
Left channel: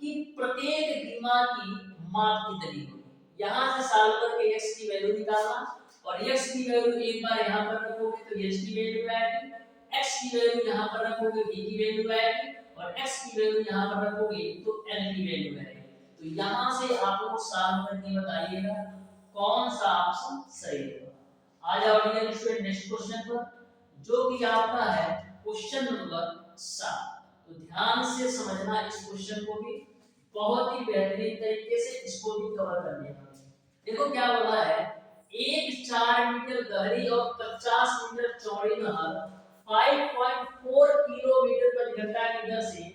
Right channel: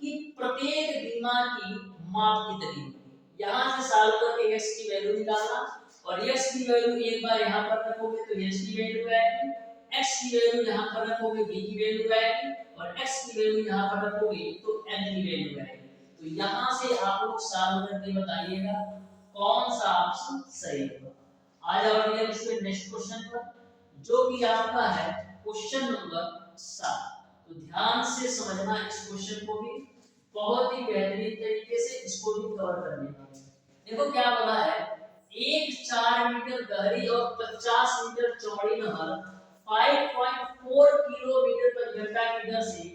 कि प्रत्येक बीमा की माप कितनी होगी। यहाँ से सॉल्व करके x की वैल्यू निकालना और x की वैल्यू एक बार यहाँ पर रखोगे तो h की वैल्यू आएगी, x की वैल्यू यहाँ पर रखोगे b की वैल्यू आएगी और x की वैल्यू यहाँ पर रखोगे तो l की वैल्यू आएगी। तो यहाँ से आप लोग सॉल्व करके बताइएगा कौन सा ऑप्शन सही होगा। आ जाओ डियर स्टूडेंट नेक्स्ट क्वेश्चन पर, जो कि आपका है क्वेश्चन नंबर 7। तो ध्यान से समझना इस क्वेश्चन को भी, बहुत ही बेहतरीन तरीके से इसको भी कवर करने का। देखो क्या बोला है, एक 4 मीटर गहरी और 50 मीटर चौड़ी नहर 5.4 किलोमीटर प्रति घंटा की दर से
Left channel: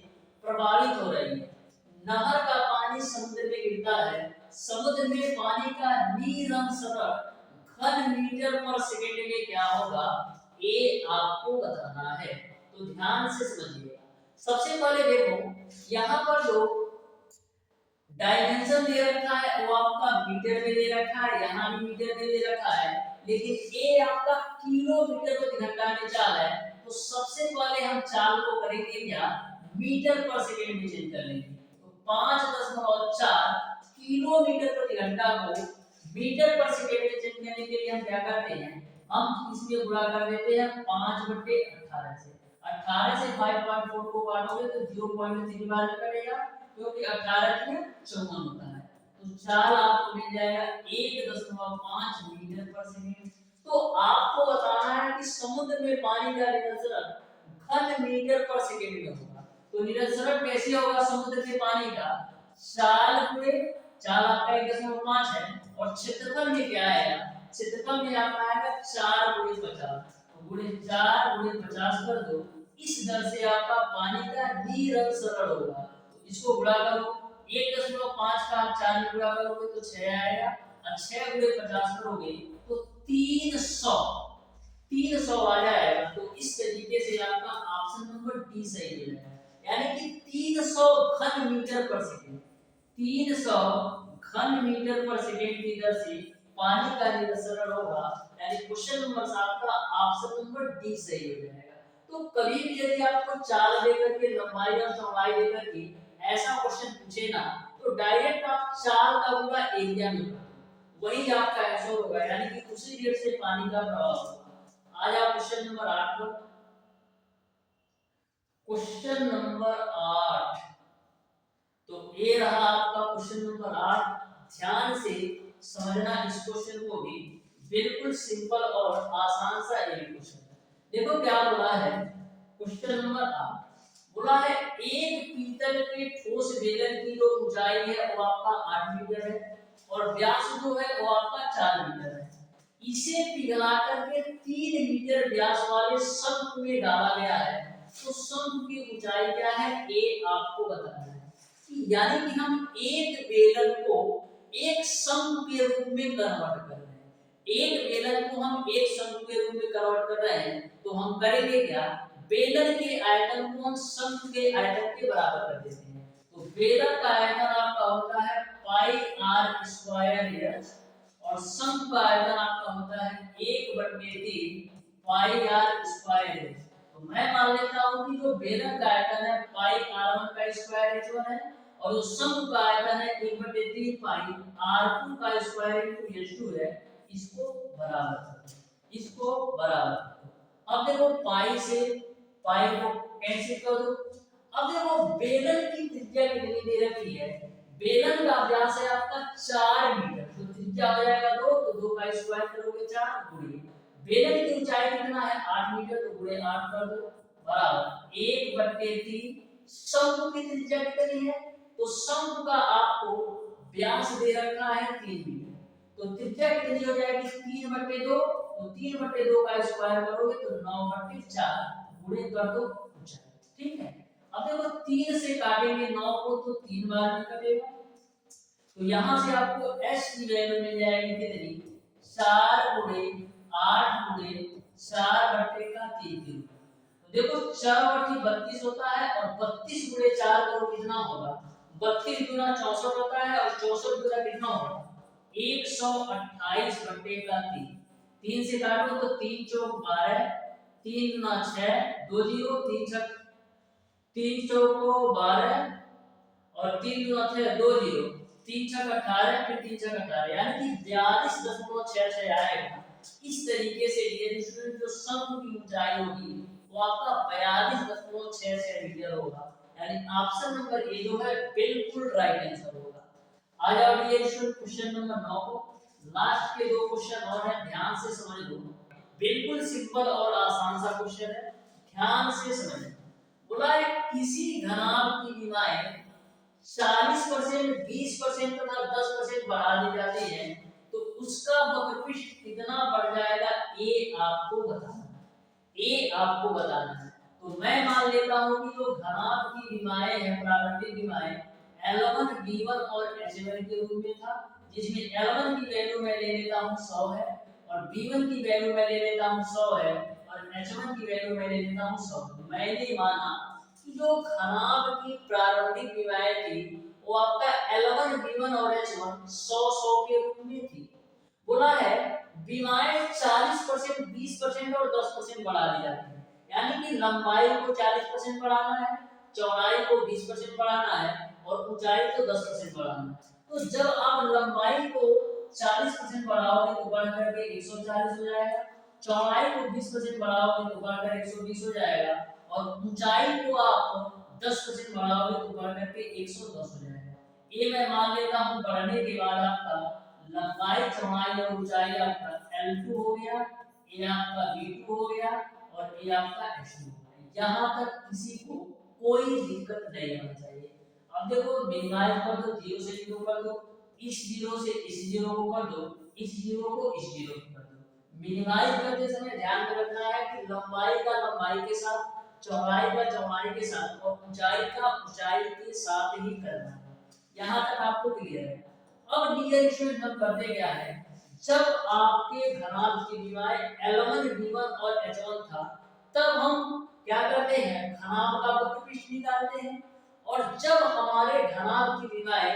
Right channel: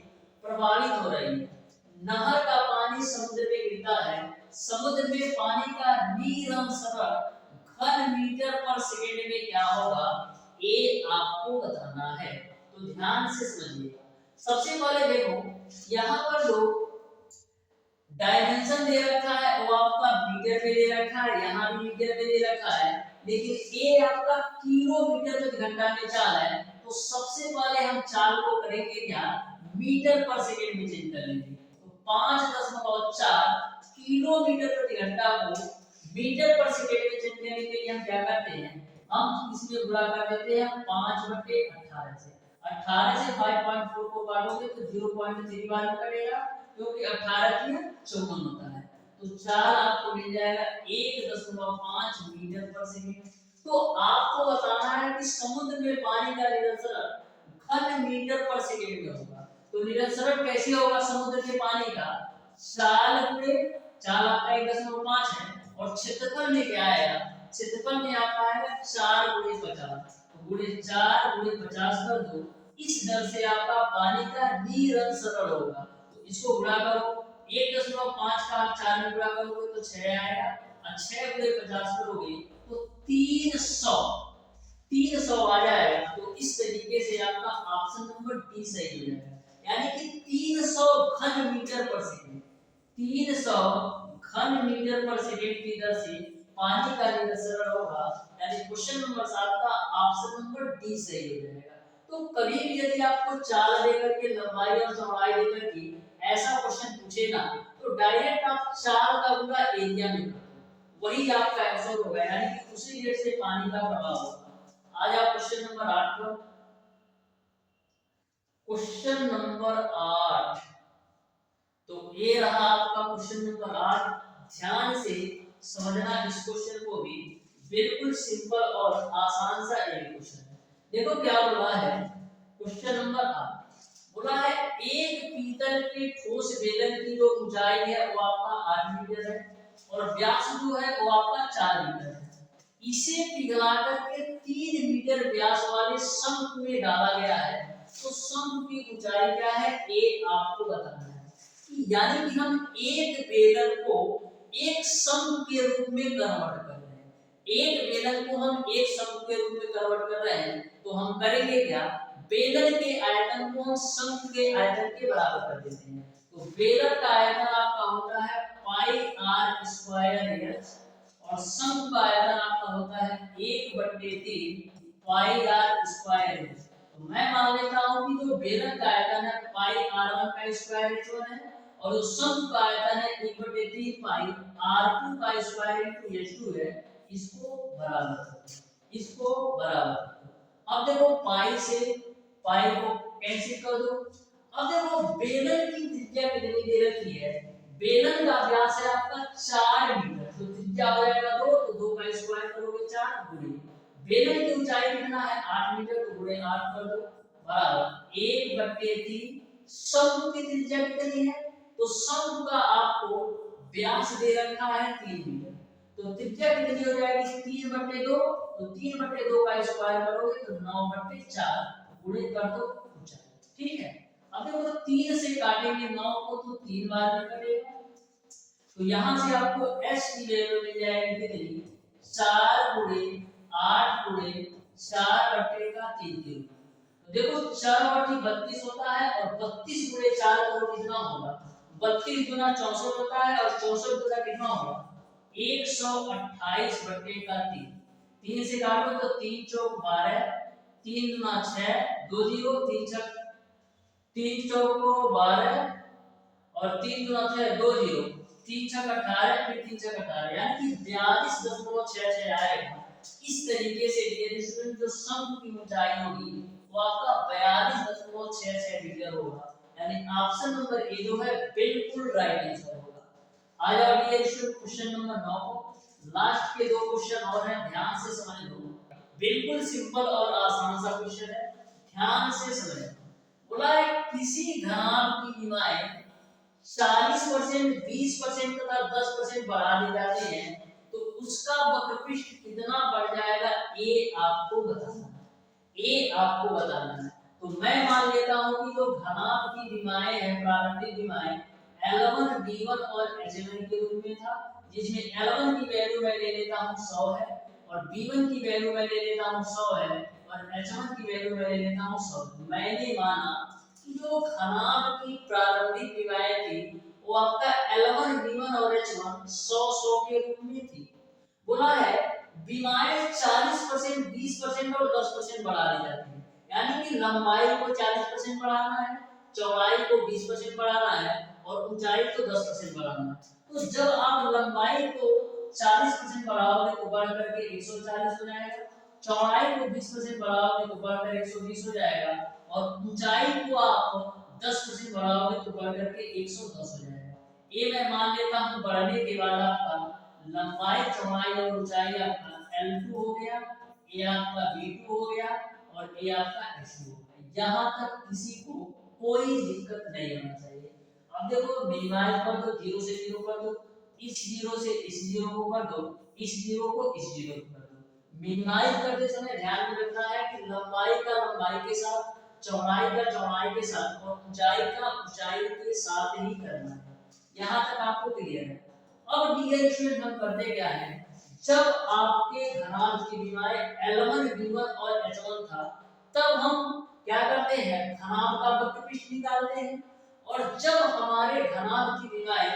प्रवाहित हो रही है। नहर का पानी समुद्र में गिरता है, समुद्र में पानी का निरंतर घन मीटर पर सेकंड में क्या होगा, ये आपको बताना है। तो ध्यान से समझिएगा। सबसे पहले देखो यहाँ पर जो डायमेंशन दे रखा है वो आपका मीटर में दे रखा है, यहाँ भी मीटर में दे रखा है, लेकिन ये आपका किलोमीटर प्रति घंटा में चाल है। तो सबसे पहले हम चाल को करेंगे क्या, मीटर पर सेकंड में चेंज कर लेंगे। तो 5.4 किलोमीटर प्रति घंटा को मीटर पर सेकेंड में चेंज करने के लिए हम क्या करते हैं, हम इसमें गुणा कर देते हैं 5/18 से। 18 से 5.4 को काटोगे तो 0.3 बार में कटेगा, क्योंकि 18 की 54 होता है। तो चाल आपको मिल जाएगा 1.5 मीटर पर सेकेंड। तो आपको बताना है कि समुद्र में पानी का निरंतरण घन मीटर पर सेकेंड में होगा। तो निरंतरण कैसे होगा समुद्र के पानी का, चाल गुणे चाल आपका 1.5 है और क्षेत्रफल में क्या आएगा, क्षेत्रफल में आपका आएगा 4 × 50, तो गुणे 4 × 50 कर दो। इस दर से आपका पानी का निरंतरण होगा। तो इसको गुणा करो, 1.5 का आप 4 में गुणा करोगे तो 6 आएगा, और 6 × 50 करोगे तो 300 आ जाएगा। तो इस तरीके से आपका ऑप्शन नंबर डी सही हो जाएगा, यानी कि 300 घन मीटर पर सेकेंड, 300 घन मीटर पर सेकेंड की दर से पानी का निरंतरण होगा, यानी क्वेश्चन नंबर 7 का ऑप्शन नंबर डी सही हो जाएगा। तो कभी भी यदि आपको चाल देकर के लंबाई और चौड़ाई देकर के ऐसा क्वेश्चन पूछे ना, तो डायरेक्ट आप चाल का पूरा एरिया में वही आपका आंसर होगा, यानी कि उसी रेट से पानी का प्रवाह होगा। आ जाओ क्वेश्चन नंबर 8 पर। क्वेश्चन नंबर 8, तो ये रहा आपका क्वेश्चन नंबर 8। ध्यान से समझना इस क्वेश्चन को भी, बिल्कुल सिंपल और आसान सा एक क्वेश्चन है। देखो क्या बोला है क्वेश्चन नंबर 8, बोला है एक पीतल के ठोस बेलन की जो ऊंचाई है वो आपका 8 मीटर है और व्यास जो है वो आपका 4 मीटर है। इसे पिघला करके 3 मीटर व्यास वाले शंख में डाला गया है, तो शंख की ऊंचाई क्या है ये आपको बताना है। कि यानी कि हम एक बेलन को एक शंख के रूप में कन्वर्ट कर रहे हैं, एक बेलन को हम एक शंख के रूप में कन्वर्ट कर रहे हैं, तो हम करेंगे क्या, बेलन के आयतन को हम शंख के आयतन के बराबर कर देते हैं। तो बेलन का आयतन आपका होता है πr² h और शंख का आयतन आपका होता है 1/3 πr² h। तो मैं मान लेता हूं कि जो बेलन का आयतन है πr1 का स्क्वायर h1 है और जो शंख का आयतन है 1/3 πr2 का स्क्वायर h2 है। इसको बराबर करो, इसको बराबर करो। अब देखो पाई से पाई को कैंसिल कर दो। अब देखो बेलन की त्रिज्या कितनी दे रखी है, बेलन का व्यास है आपका 4 मीटर, तो त्रिज्या हो जाएगा 2, तो 2 का स्क्वायर करोगे 4 गुणे बेलन की ऊंचाई कितना है 8 मीटर, तो गुणे 8 कर दो बराबर 1/3। शंख की त्रिज्या कितनी है, तो शंख का आपको व्यास दे रखा है 3 मीटर, तो त्रिज्या कितनी हो जाएगी 3/2, तो 3/2 का स्क्वायर करोगे तो 9/4 गुणे कर दो ऊंचाई। ठीक है, अब देखो 3 से काटेंगे 9 को तो 3 बार में कटेगा, तो यहां से आपको s की वैल्यू मिल जाएगी कितनी 4 × 8 × 4/3 की। तो देखो 4/32 होता है और 32 × 4 करो कितना होगा, 32 × 64 होता है और 64 × कितना होगा 128/3। 3 से काटो तो 3 चौक 12, 3 × 6 2 0, 3 छक 3 चौक 12 और 3 × 6 2 0, 3 छक 18, फिर 3 छक 18, यानी कि 42.66 आएगा। इस तरीके से डियर स्टूडेंट जो शंख की ऊंचाई होगी वो आपका 42.66 मीटर होगा, यानी ऑप्शन नंबर ए जो है बिल्कुल राइट आंसर होगा। आ जाओ डियर स्टूडेंट क्वेश्चन नंबर 9 को, लास्ट के 2 क्वेश्चन और हैं, ध्यान से समझ लो, बिल्कुल सिंपल और आसान सा क्वेश्चन है, ध्यान से समझना। बोला है किसी घनाभ की विमाएं 40%, 20% तथा 10% बढ़ा दी जाती हैं, तो उसका वक्रपृष्ठ कितना बढ़ जाएगा ये आपको बताना है, ये आपको बताना है। तो मैं मान लेता हूं कि जो घनाभ की विमाएं हैं, प्रारंभिक विमाएं L1, B1 और H1 के रूप में था, जिसमें L1 की वैल्यू मैं ले लेता हूं 100 है और B1 की वैल्यू मैं ले लेता हूं 100 है और H1 की वैल्यू मैं ले लेता हूं 100। मैंने माना कि जो घनाभ की प्रारंभिक विमाएं थी वो आपका L1, B1 और H1 100 के रूप में थी। बोला है विमाएं 40%, 20% और 10% बढ़ा दी जाती है, यानी कि लंबाई को 40% बढ़ाना है, चौड़ाई को 20% बढ़ाना है और ऊंचाई को 10% बढ़ाना है। तो जब आप लंबाई को 40% बढ़ाओगे तो बढ़ करके 140 हो जाएगा, चौड़ाई को 20% बढ़ाओगे तो बढ़कर 120 हो जाएगा, और ऊंचाई को आप 10% बढ़ाओगे तो बढ़ करके 110 हो जाएगा। ये मैं मान लेता हूँ बढ़ने के बाद आपका लंबाई चौड़ाई और ऊंचाई आपका L2 हो गया, ये आपका V2 हो गया, और ये आपका H2 हो गया। यहाँ तक किसी को कोई दिक्कत नहीं होना चाहिए। अब देखो मिनिमाइज कर दो, 0 से 0 कर दो, इस 0 से इस 0 को कर दो, इस 0 को इस 0 को कर दो। मिनिमाइज करते समय ध्यान में रखना है कि लंबाई का लंबाई के साथ, चौड़ाई का चौड़ाई के साथ, और ऊंचाई का ऊंचाई के साथ ही करना है। यहाँ तक आपको क्लियर है। अब डियर स्टूडेंट हम करते क्या है, जब आपके घनाभ की विमाएं L1, V1 और H1 था, तब हम क्या करते हैं, घनाभ का वक्रपृष्ठ निकालते हैं। और जब हमारे घनाभ की विमाएं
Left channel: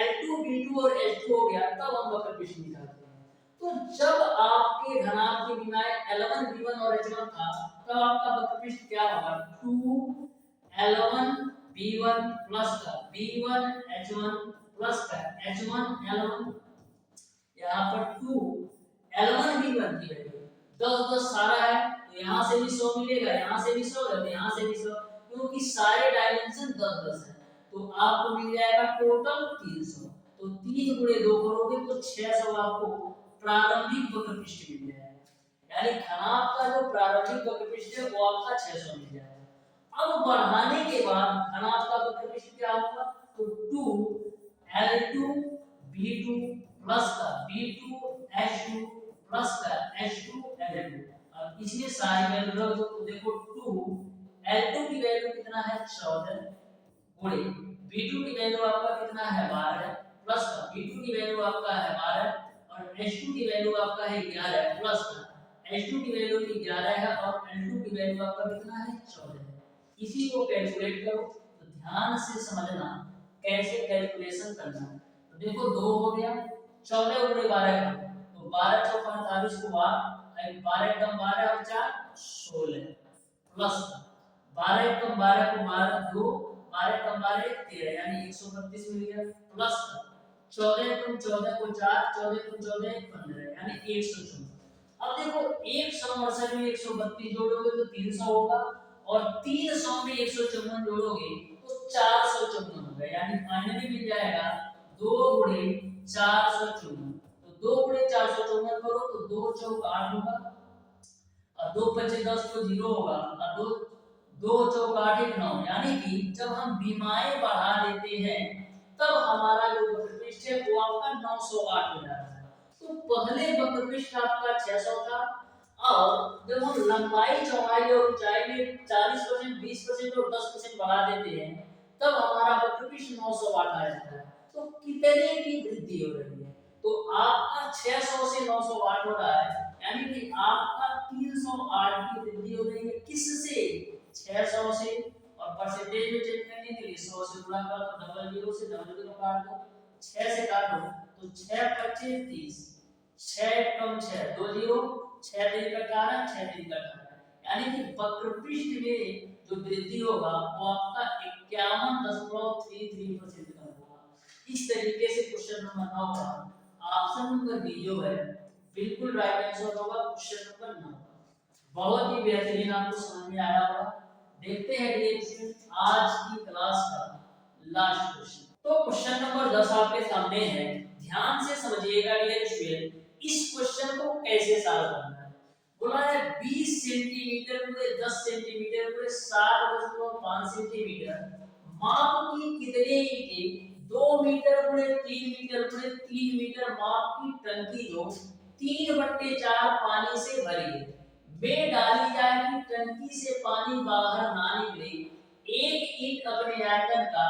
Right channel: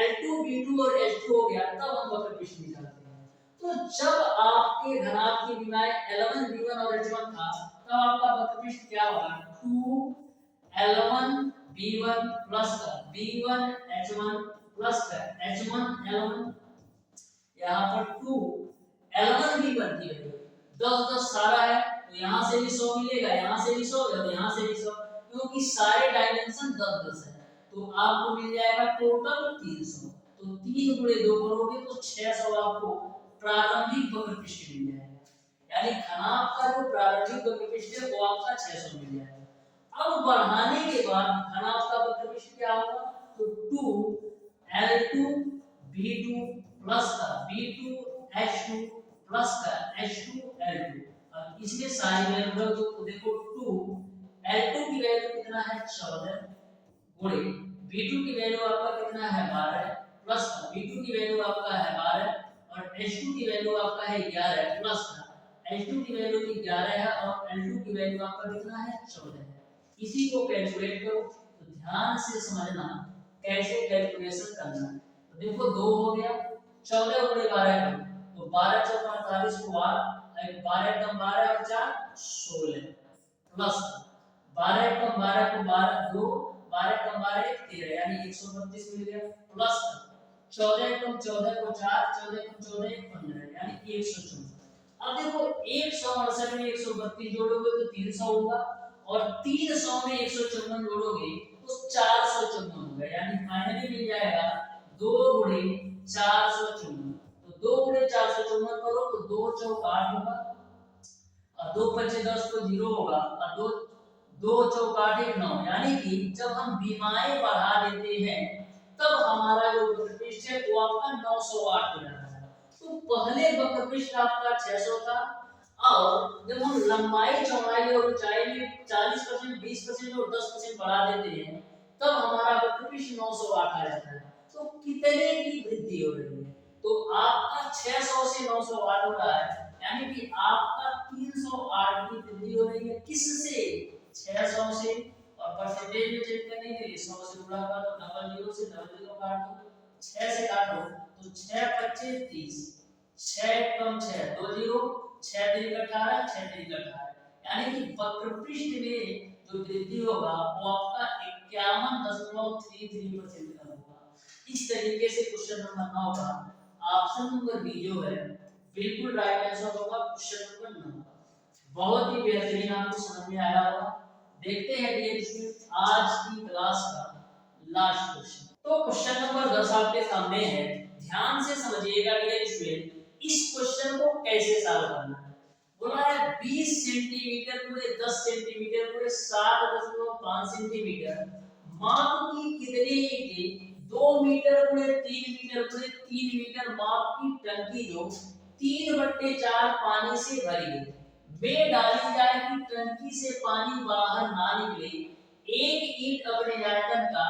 L2, V2 और H2 हो गया, तब हम वक्रपृष्ठ निकालते हैं। तो जब आपके घनाभ की विमाएं L1, V1 और H1 था, तब आपका वक्रपृष्ठ क्या होगा, 2L1 V1 प्लस का V1 H1 प्लस का H1 L1, यहाँ पर 2 L1 V1 की वैल्यू 10 10 सारा है, तो यहाँ से भी 100 मिलेगा, यहाँ से भी 100 और यहाँ से भी 100, क्योंकि सारे डायमेंशन 10 10 है, तो आपको मिल जाएगा टोटल 300। तो 3 गुणे 2 करोगे तो 600 आपको प्रारंभिक वक्रपृष्ठ मिल जाएगा। यानी घनाभ का जो प्रारंभिक वक्रपृष्ठ है वो आपका 600 मिल जाएगा। अब बढ़ाने के बाद घनाभ का वक्रपृष्ठ क्या होगा, तो 2L2 V2 प्लस का V2 H2 प्लस का H2 L2। अब इसमें सारी वैल्यू रख दो, तो देखो 2L2 की वैल्यू कितना है, 14 गुणे V2 की वैल्यू आपका कितना है, 12 प्लस का V2 की वैल्यू आपका है 12, और H2 की वैल्यू आपका है 11 प्लस का H2 की वैल्यू भी 11 है, और L2 की वैल्यू आपका कितना है, 14 है। इसी को कैलकुलेट करो, तो ध्यान से समझना कैसे कैलकुलेशन करना है। तो देखो 2 हो गया, 14 गुणे 12 करो, तो 12 चौका 48 को 12 कम 12 और 4 16 प्लस 12 कम 12 को 12 2, 12 कम 12 13, यानी 132 मिल गया, प्लस 14 कम 14 को 4, 14 कम 14 15, यानी 154। अब देखो 168 में 132 जोड़ोगे तो 300 होगा, और 300 में 154 जोड़ोगे तो 454 होगा, यानी फाइनली मिल जाएगा 2 गुणे 454। तो 2 गुणे 454 करो तो 2 चौक 8 होगा, और 2 पच्चे 10 तो 0 होगा, और 2 2 चौक 8 1 9, यानी कि जब हम विमाएं बढ़ा देते हैं तब हमारा जो वक्रपृष्ठ है वो आपका 908 हो जाता है। तो पहले वक्रपृष्ठ आपका 600 था, और जब हम लंबाई चौड़ाई और ऊंचाई में 40%, 20% और 10% बढ़ा देते हैं तब हमारा वक्रपृष्ठ 908 आ जाता है। तो कितने की वृद्धि हो रही है, तो आपका 600 से 908 हो रहा है, यानी कि आपका 308 की वृद्धि हो रही है। किससे, 600 से, और परसेंटेज में चेक करने के लिए 100 से गुणा कर दो, डबल जीरो से डबल जीरो काट दो, 6 से काटो तो 6 25 30, 6 कम 6 2 जीरो, 6 3 18, 6 3 18, यानी कि वक्रपृष्ठ में जो वृद्धि होगा वो आपका 51.33% का होगा। इस तरीके से क्वेश्चन नंबर 9 का ऑप्शन नंबर बी जो है बिल्कुल राइट आंसर होगा, क्वेश्चन नंबर 9। बहुत ही बेहतरीन, आपको समझ में आया होगा। देखते हैं डियर स्टूडेंट आज की क्लास का लास्ट क्वेश्चन। तो क्वेश्चन नंबर 10 आपके सामने है, ध्यान से समझिएगा डियर स्टूडेंट, इस क्वेश्चन को कैसे सॉल्व करना है। बोला है 20 सेंटीमीटर गुणे 10 सेंटीमीटर गुणे 7.5 सेंटीमीटर माप की कितने ईंटें 2 मीटर गुणे 3 मीटर गुणे 3 मीटर माप की टंकी जो 3/4 पानी से भरी है में डाली जाए कि टंकी से पानी बाहर ना निकले। एक ईंट अपने आयतन का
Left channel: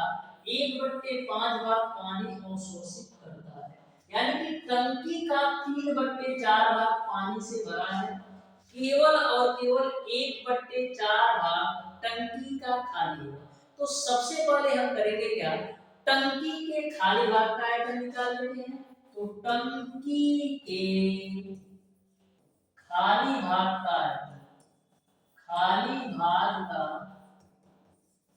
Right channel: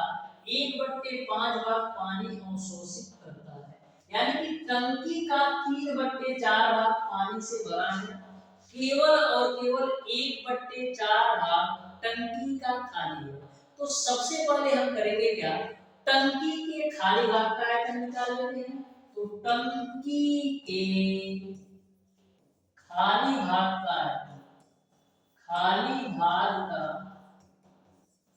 1/5 भाग पानी अवशोषित करता है, यानी कि टंकी का 3/4 भाग पानी से भरा है, केवल और केवल 1/4 भाग टंकी का खाली है। तो सबसे पहले हम करेंगे क्या, टंकी के खाली भाग का आयतन निकाल लेते हैं। तो टंकी के खाली भाग का आयतन, खाली भाग का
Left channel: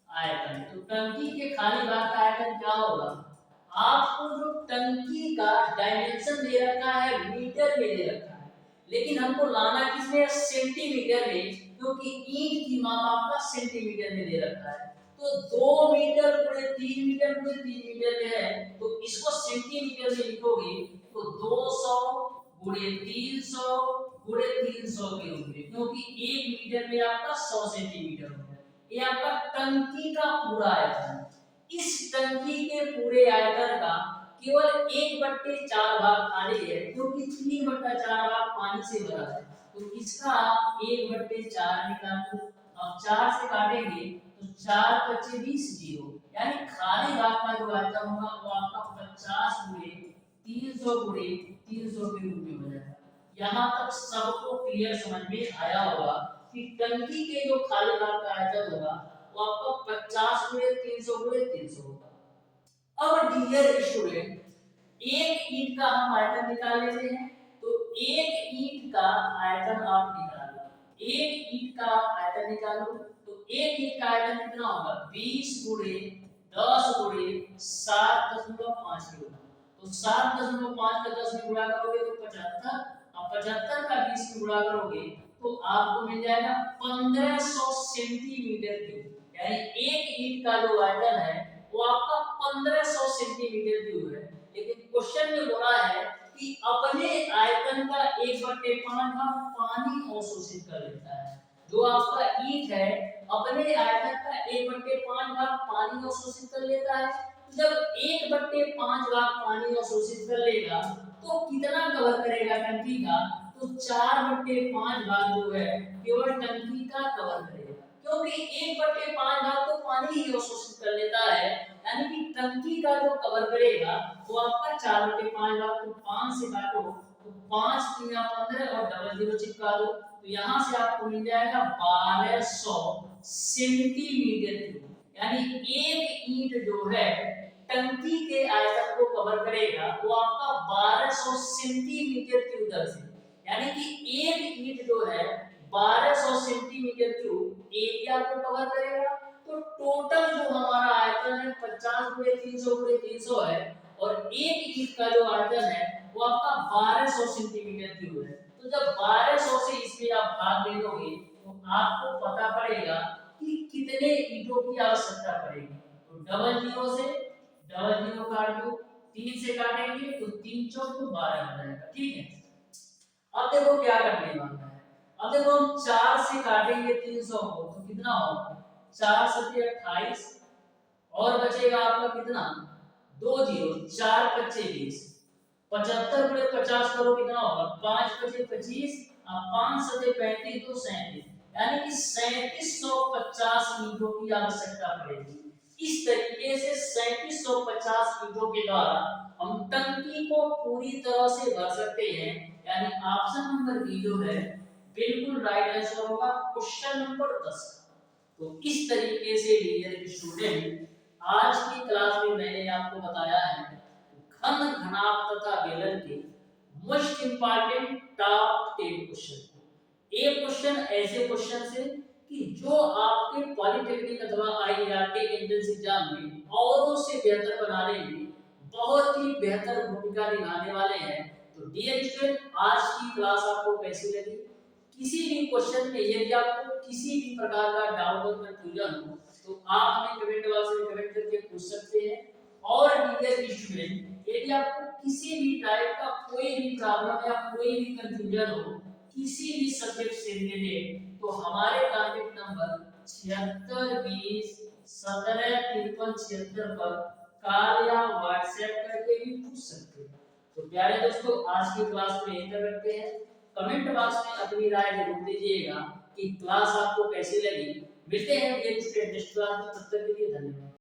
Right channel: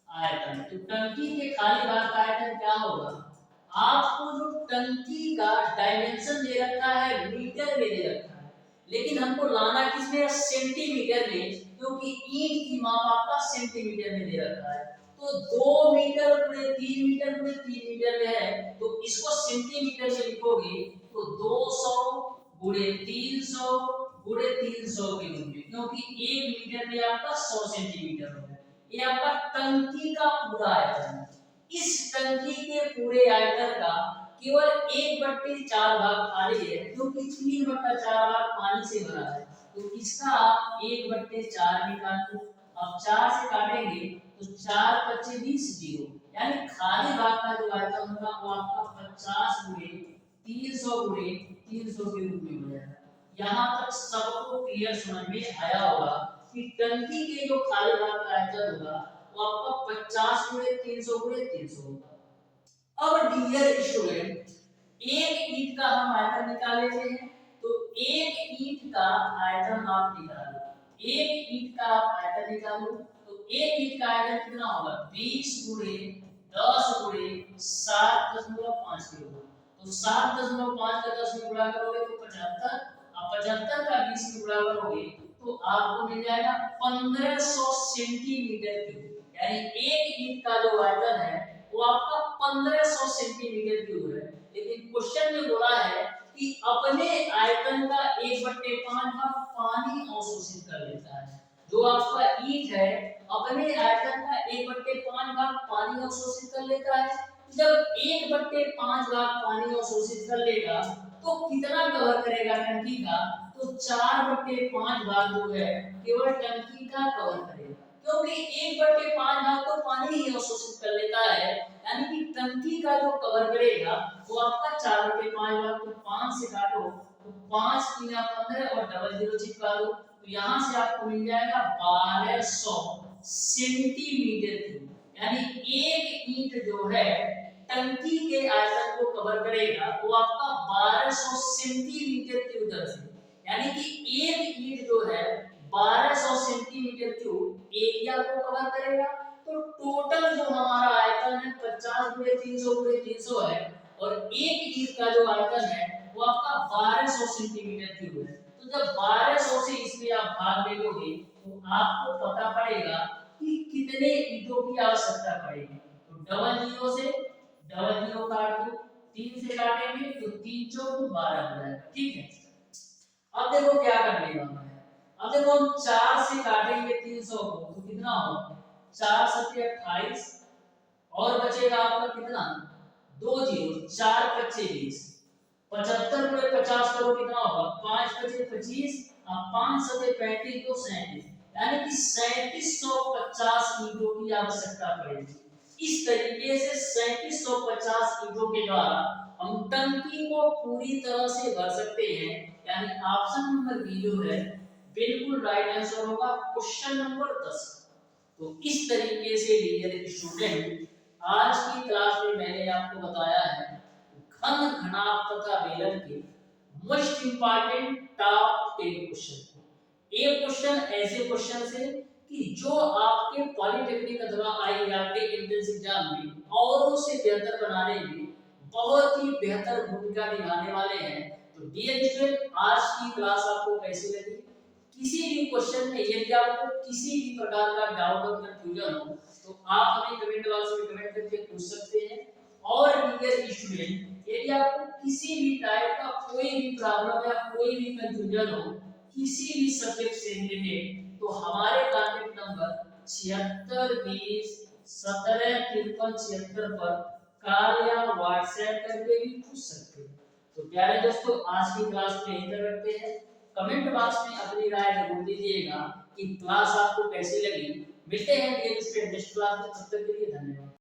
आयतन, तो टंकी के खाली भाग का आयतन क्या होगा, आपको जो टंकी का डायमेंशन दे रखा है मीटर में दे रखा है, लेकिन हमको लाना किसमें, सेंटीमीटर में, क्योंकि ईंट की माप आपका सेंटीमीटर में दे रखा है। तो 2 मीटर गुणे 3 मीटर गुणे 3 मीटर में है, तो इसको सेंटीमीटर में लिखोगे तो 200 गुणे 300 गुणे 300 के रूप में, क्योंकि 1 मीटर में आपका 100 सेंटीमीटर होगा। ये आपका टंकी का पूरा आयतन है। इस टंकी के पूरे आयतन का केवल 1/4 भाग खाली है, क्योंकि 3/4 भाग पानी से भरा है। तो इसका आप 1/4 निकाल दो। अब 4 से काटेंगे तो 4 × 20 0, यानी खाली भाग का जो आयतन होगा वो आपका 50 गुणे 300 गुणे 300 के रूप में हो जाएगा। यहाँ तक सबको क्लियर समझ में आया होगा कि टंकी के जो खाली भाग का आयतन होगा वो आपका 50 गुणे 300 गुणे 300 होगा। अब डियर स्टूडेंट, एक ईंट का हम आयतन निकाल लेते हैं। तो एक ईंट का आयतन आप निकालो, एक ईंट का आप आयतन निकालो। तो एक ईंट का आयतन कितना होगा, 20 गुणे 10 गुणे 7.5 किलो। तो 7.5 का 10 में गुणा करोगे तो 75, अब 75 का 20 में गुणा करोगे तो आपको मिल जाएगा 1500 सेंटीमीटर क्यूब। यानी एक ईंट का जो आयतन है वो आपका 1500 सेंटीमीटर क्यूब है। लेकिन क्वेश्चन में बोला है कि अपने आयतन का 1/5 भाग पानी अवशोषित कर लेता है। जो आपका ईंट है अपने आयतन का 1/5 भाग पानी अवशोषित कर लेता है। जब 1/5 भाग पानी अवशोषित कर लेगा तो कितना कवर करेगा टंकी का, तो 4/5 भाग जो है केवल टंकी का कवर करेगा, क्योंकि 1/5 भाग तो पानी ही अवशोषित कर लेता है। यानी कि टंकी का जो कवर करेगा वो आपका 4/5 भाग। तो 5 से काटो तो 5 × 3 = 15 और डबल जीरो चिपका दो, तो यहाँ से आपको मिल जाएगा 1200 सेंटीमीटर क्यूब। यानी एक ईंट जो है टंकी के आयतन को कवर करेगा वो आपका 1200 सेंटीमीटर क्यूब दर से। यानी कि एक ईंट जो है 1200 सेंटीमीटर क्यूब एरिया को कवर करेगा। तो टोटल जो हमारा आयतन है 50 गुणे 300 गुणे 300 है, और एक ईंट का जो आयतन है वो आपका 1200 सेंटीमीटर क्यूब है। तो जब 1200 से इसमें आप भाग दे दोगे तो आपको पता पड़ेगा कि कितने ईंटों की आवश्यकता पड़ेगी। तो डबल जीरो से डबल जीरो काट दो, 3 से काटेंगे तो 3 चौक 12 हो जाएगा। ठीक है, अब देखो क्या करने वाला है। अब देखो हम 4 से काटेंगे 300 को तो कितना होगा, 4 7 28, और बचेगा आपका कितना, 2 जीरो, 4 × 20, 75 × 50 करो कितना होगा, 5 × 25, 5 7 35 तो 37, यानी कि 3750 ईंटों की आवश्यकता पड़ेगी। इस तरीके से 3750 ईंटों के द्वारा हम टंकी को पूरी तरह से भर सकते हैं। यानी ऑप्शन नंबर बी जो है बिल्कुल राइट आंसर होगा क्वेश्चन नंबर 10। तो इस तरीके से डियर स्टूडेंट, आज की क्लास में मैंने आपको बताया है घन, घनाभ तथा बेलन के मोस्ट इंपॉर्टेंट टॉप 10 क्वेश्चन। एक क्वेश्चन ऐसे क्वेश्चन से कि जो आपके पॉलिटेक्निक अथवा आईआईटी एंट्रेंस एग्जाम में औरों से बेहतर बनाने में बहुत ही बेहतर भूमिका निभाने वाले हैं। तो डियर स्टूडेंट, आज की क्लास आपको कैसी लगी? किसी भी क्वेश्चन में यदि आपको किसी भी प्रकार का डाउट और कंफ्यूजन हो तो आप हमें कमेंट बॉक्स में कमेंट करके पूछ सकते हैं। और डियर स्टूडेंट, यदि आपको किसी भी टाइप का कोई भी प्रॉब्लम या कोई भी कंफ्यूजन हो किसी भी सब्जेक्ट से रिलेटेड, तो हमारे कॉन्टैक्ट नंबर 7620 17 53 76 पर कॉल या व्हाट्सएप करके भी पूछ सकते हैं। तो प्यारे दोस्तों, आज की क्लास में यहीं तक रखते हैं। कमेंट बॉक्स में अपनी राय जरूर दीजिएगा कि क्लास आपको कैसी लगी। मिलते हैं नेक्स्ट क्लास में, तब तक के लिए धन्यवाद।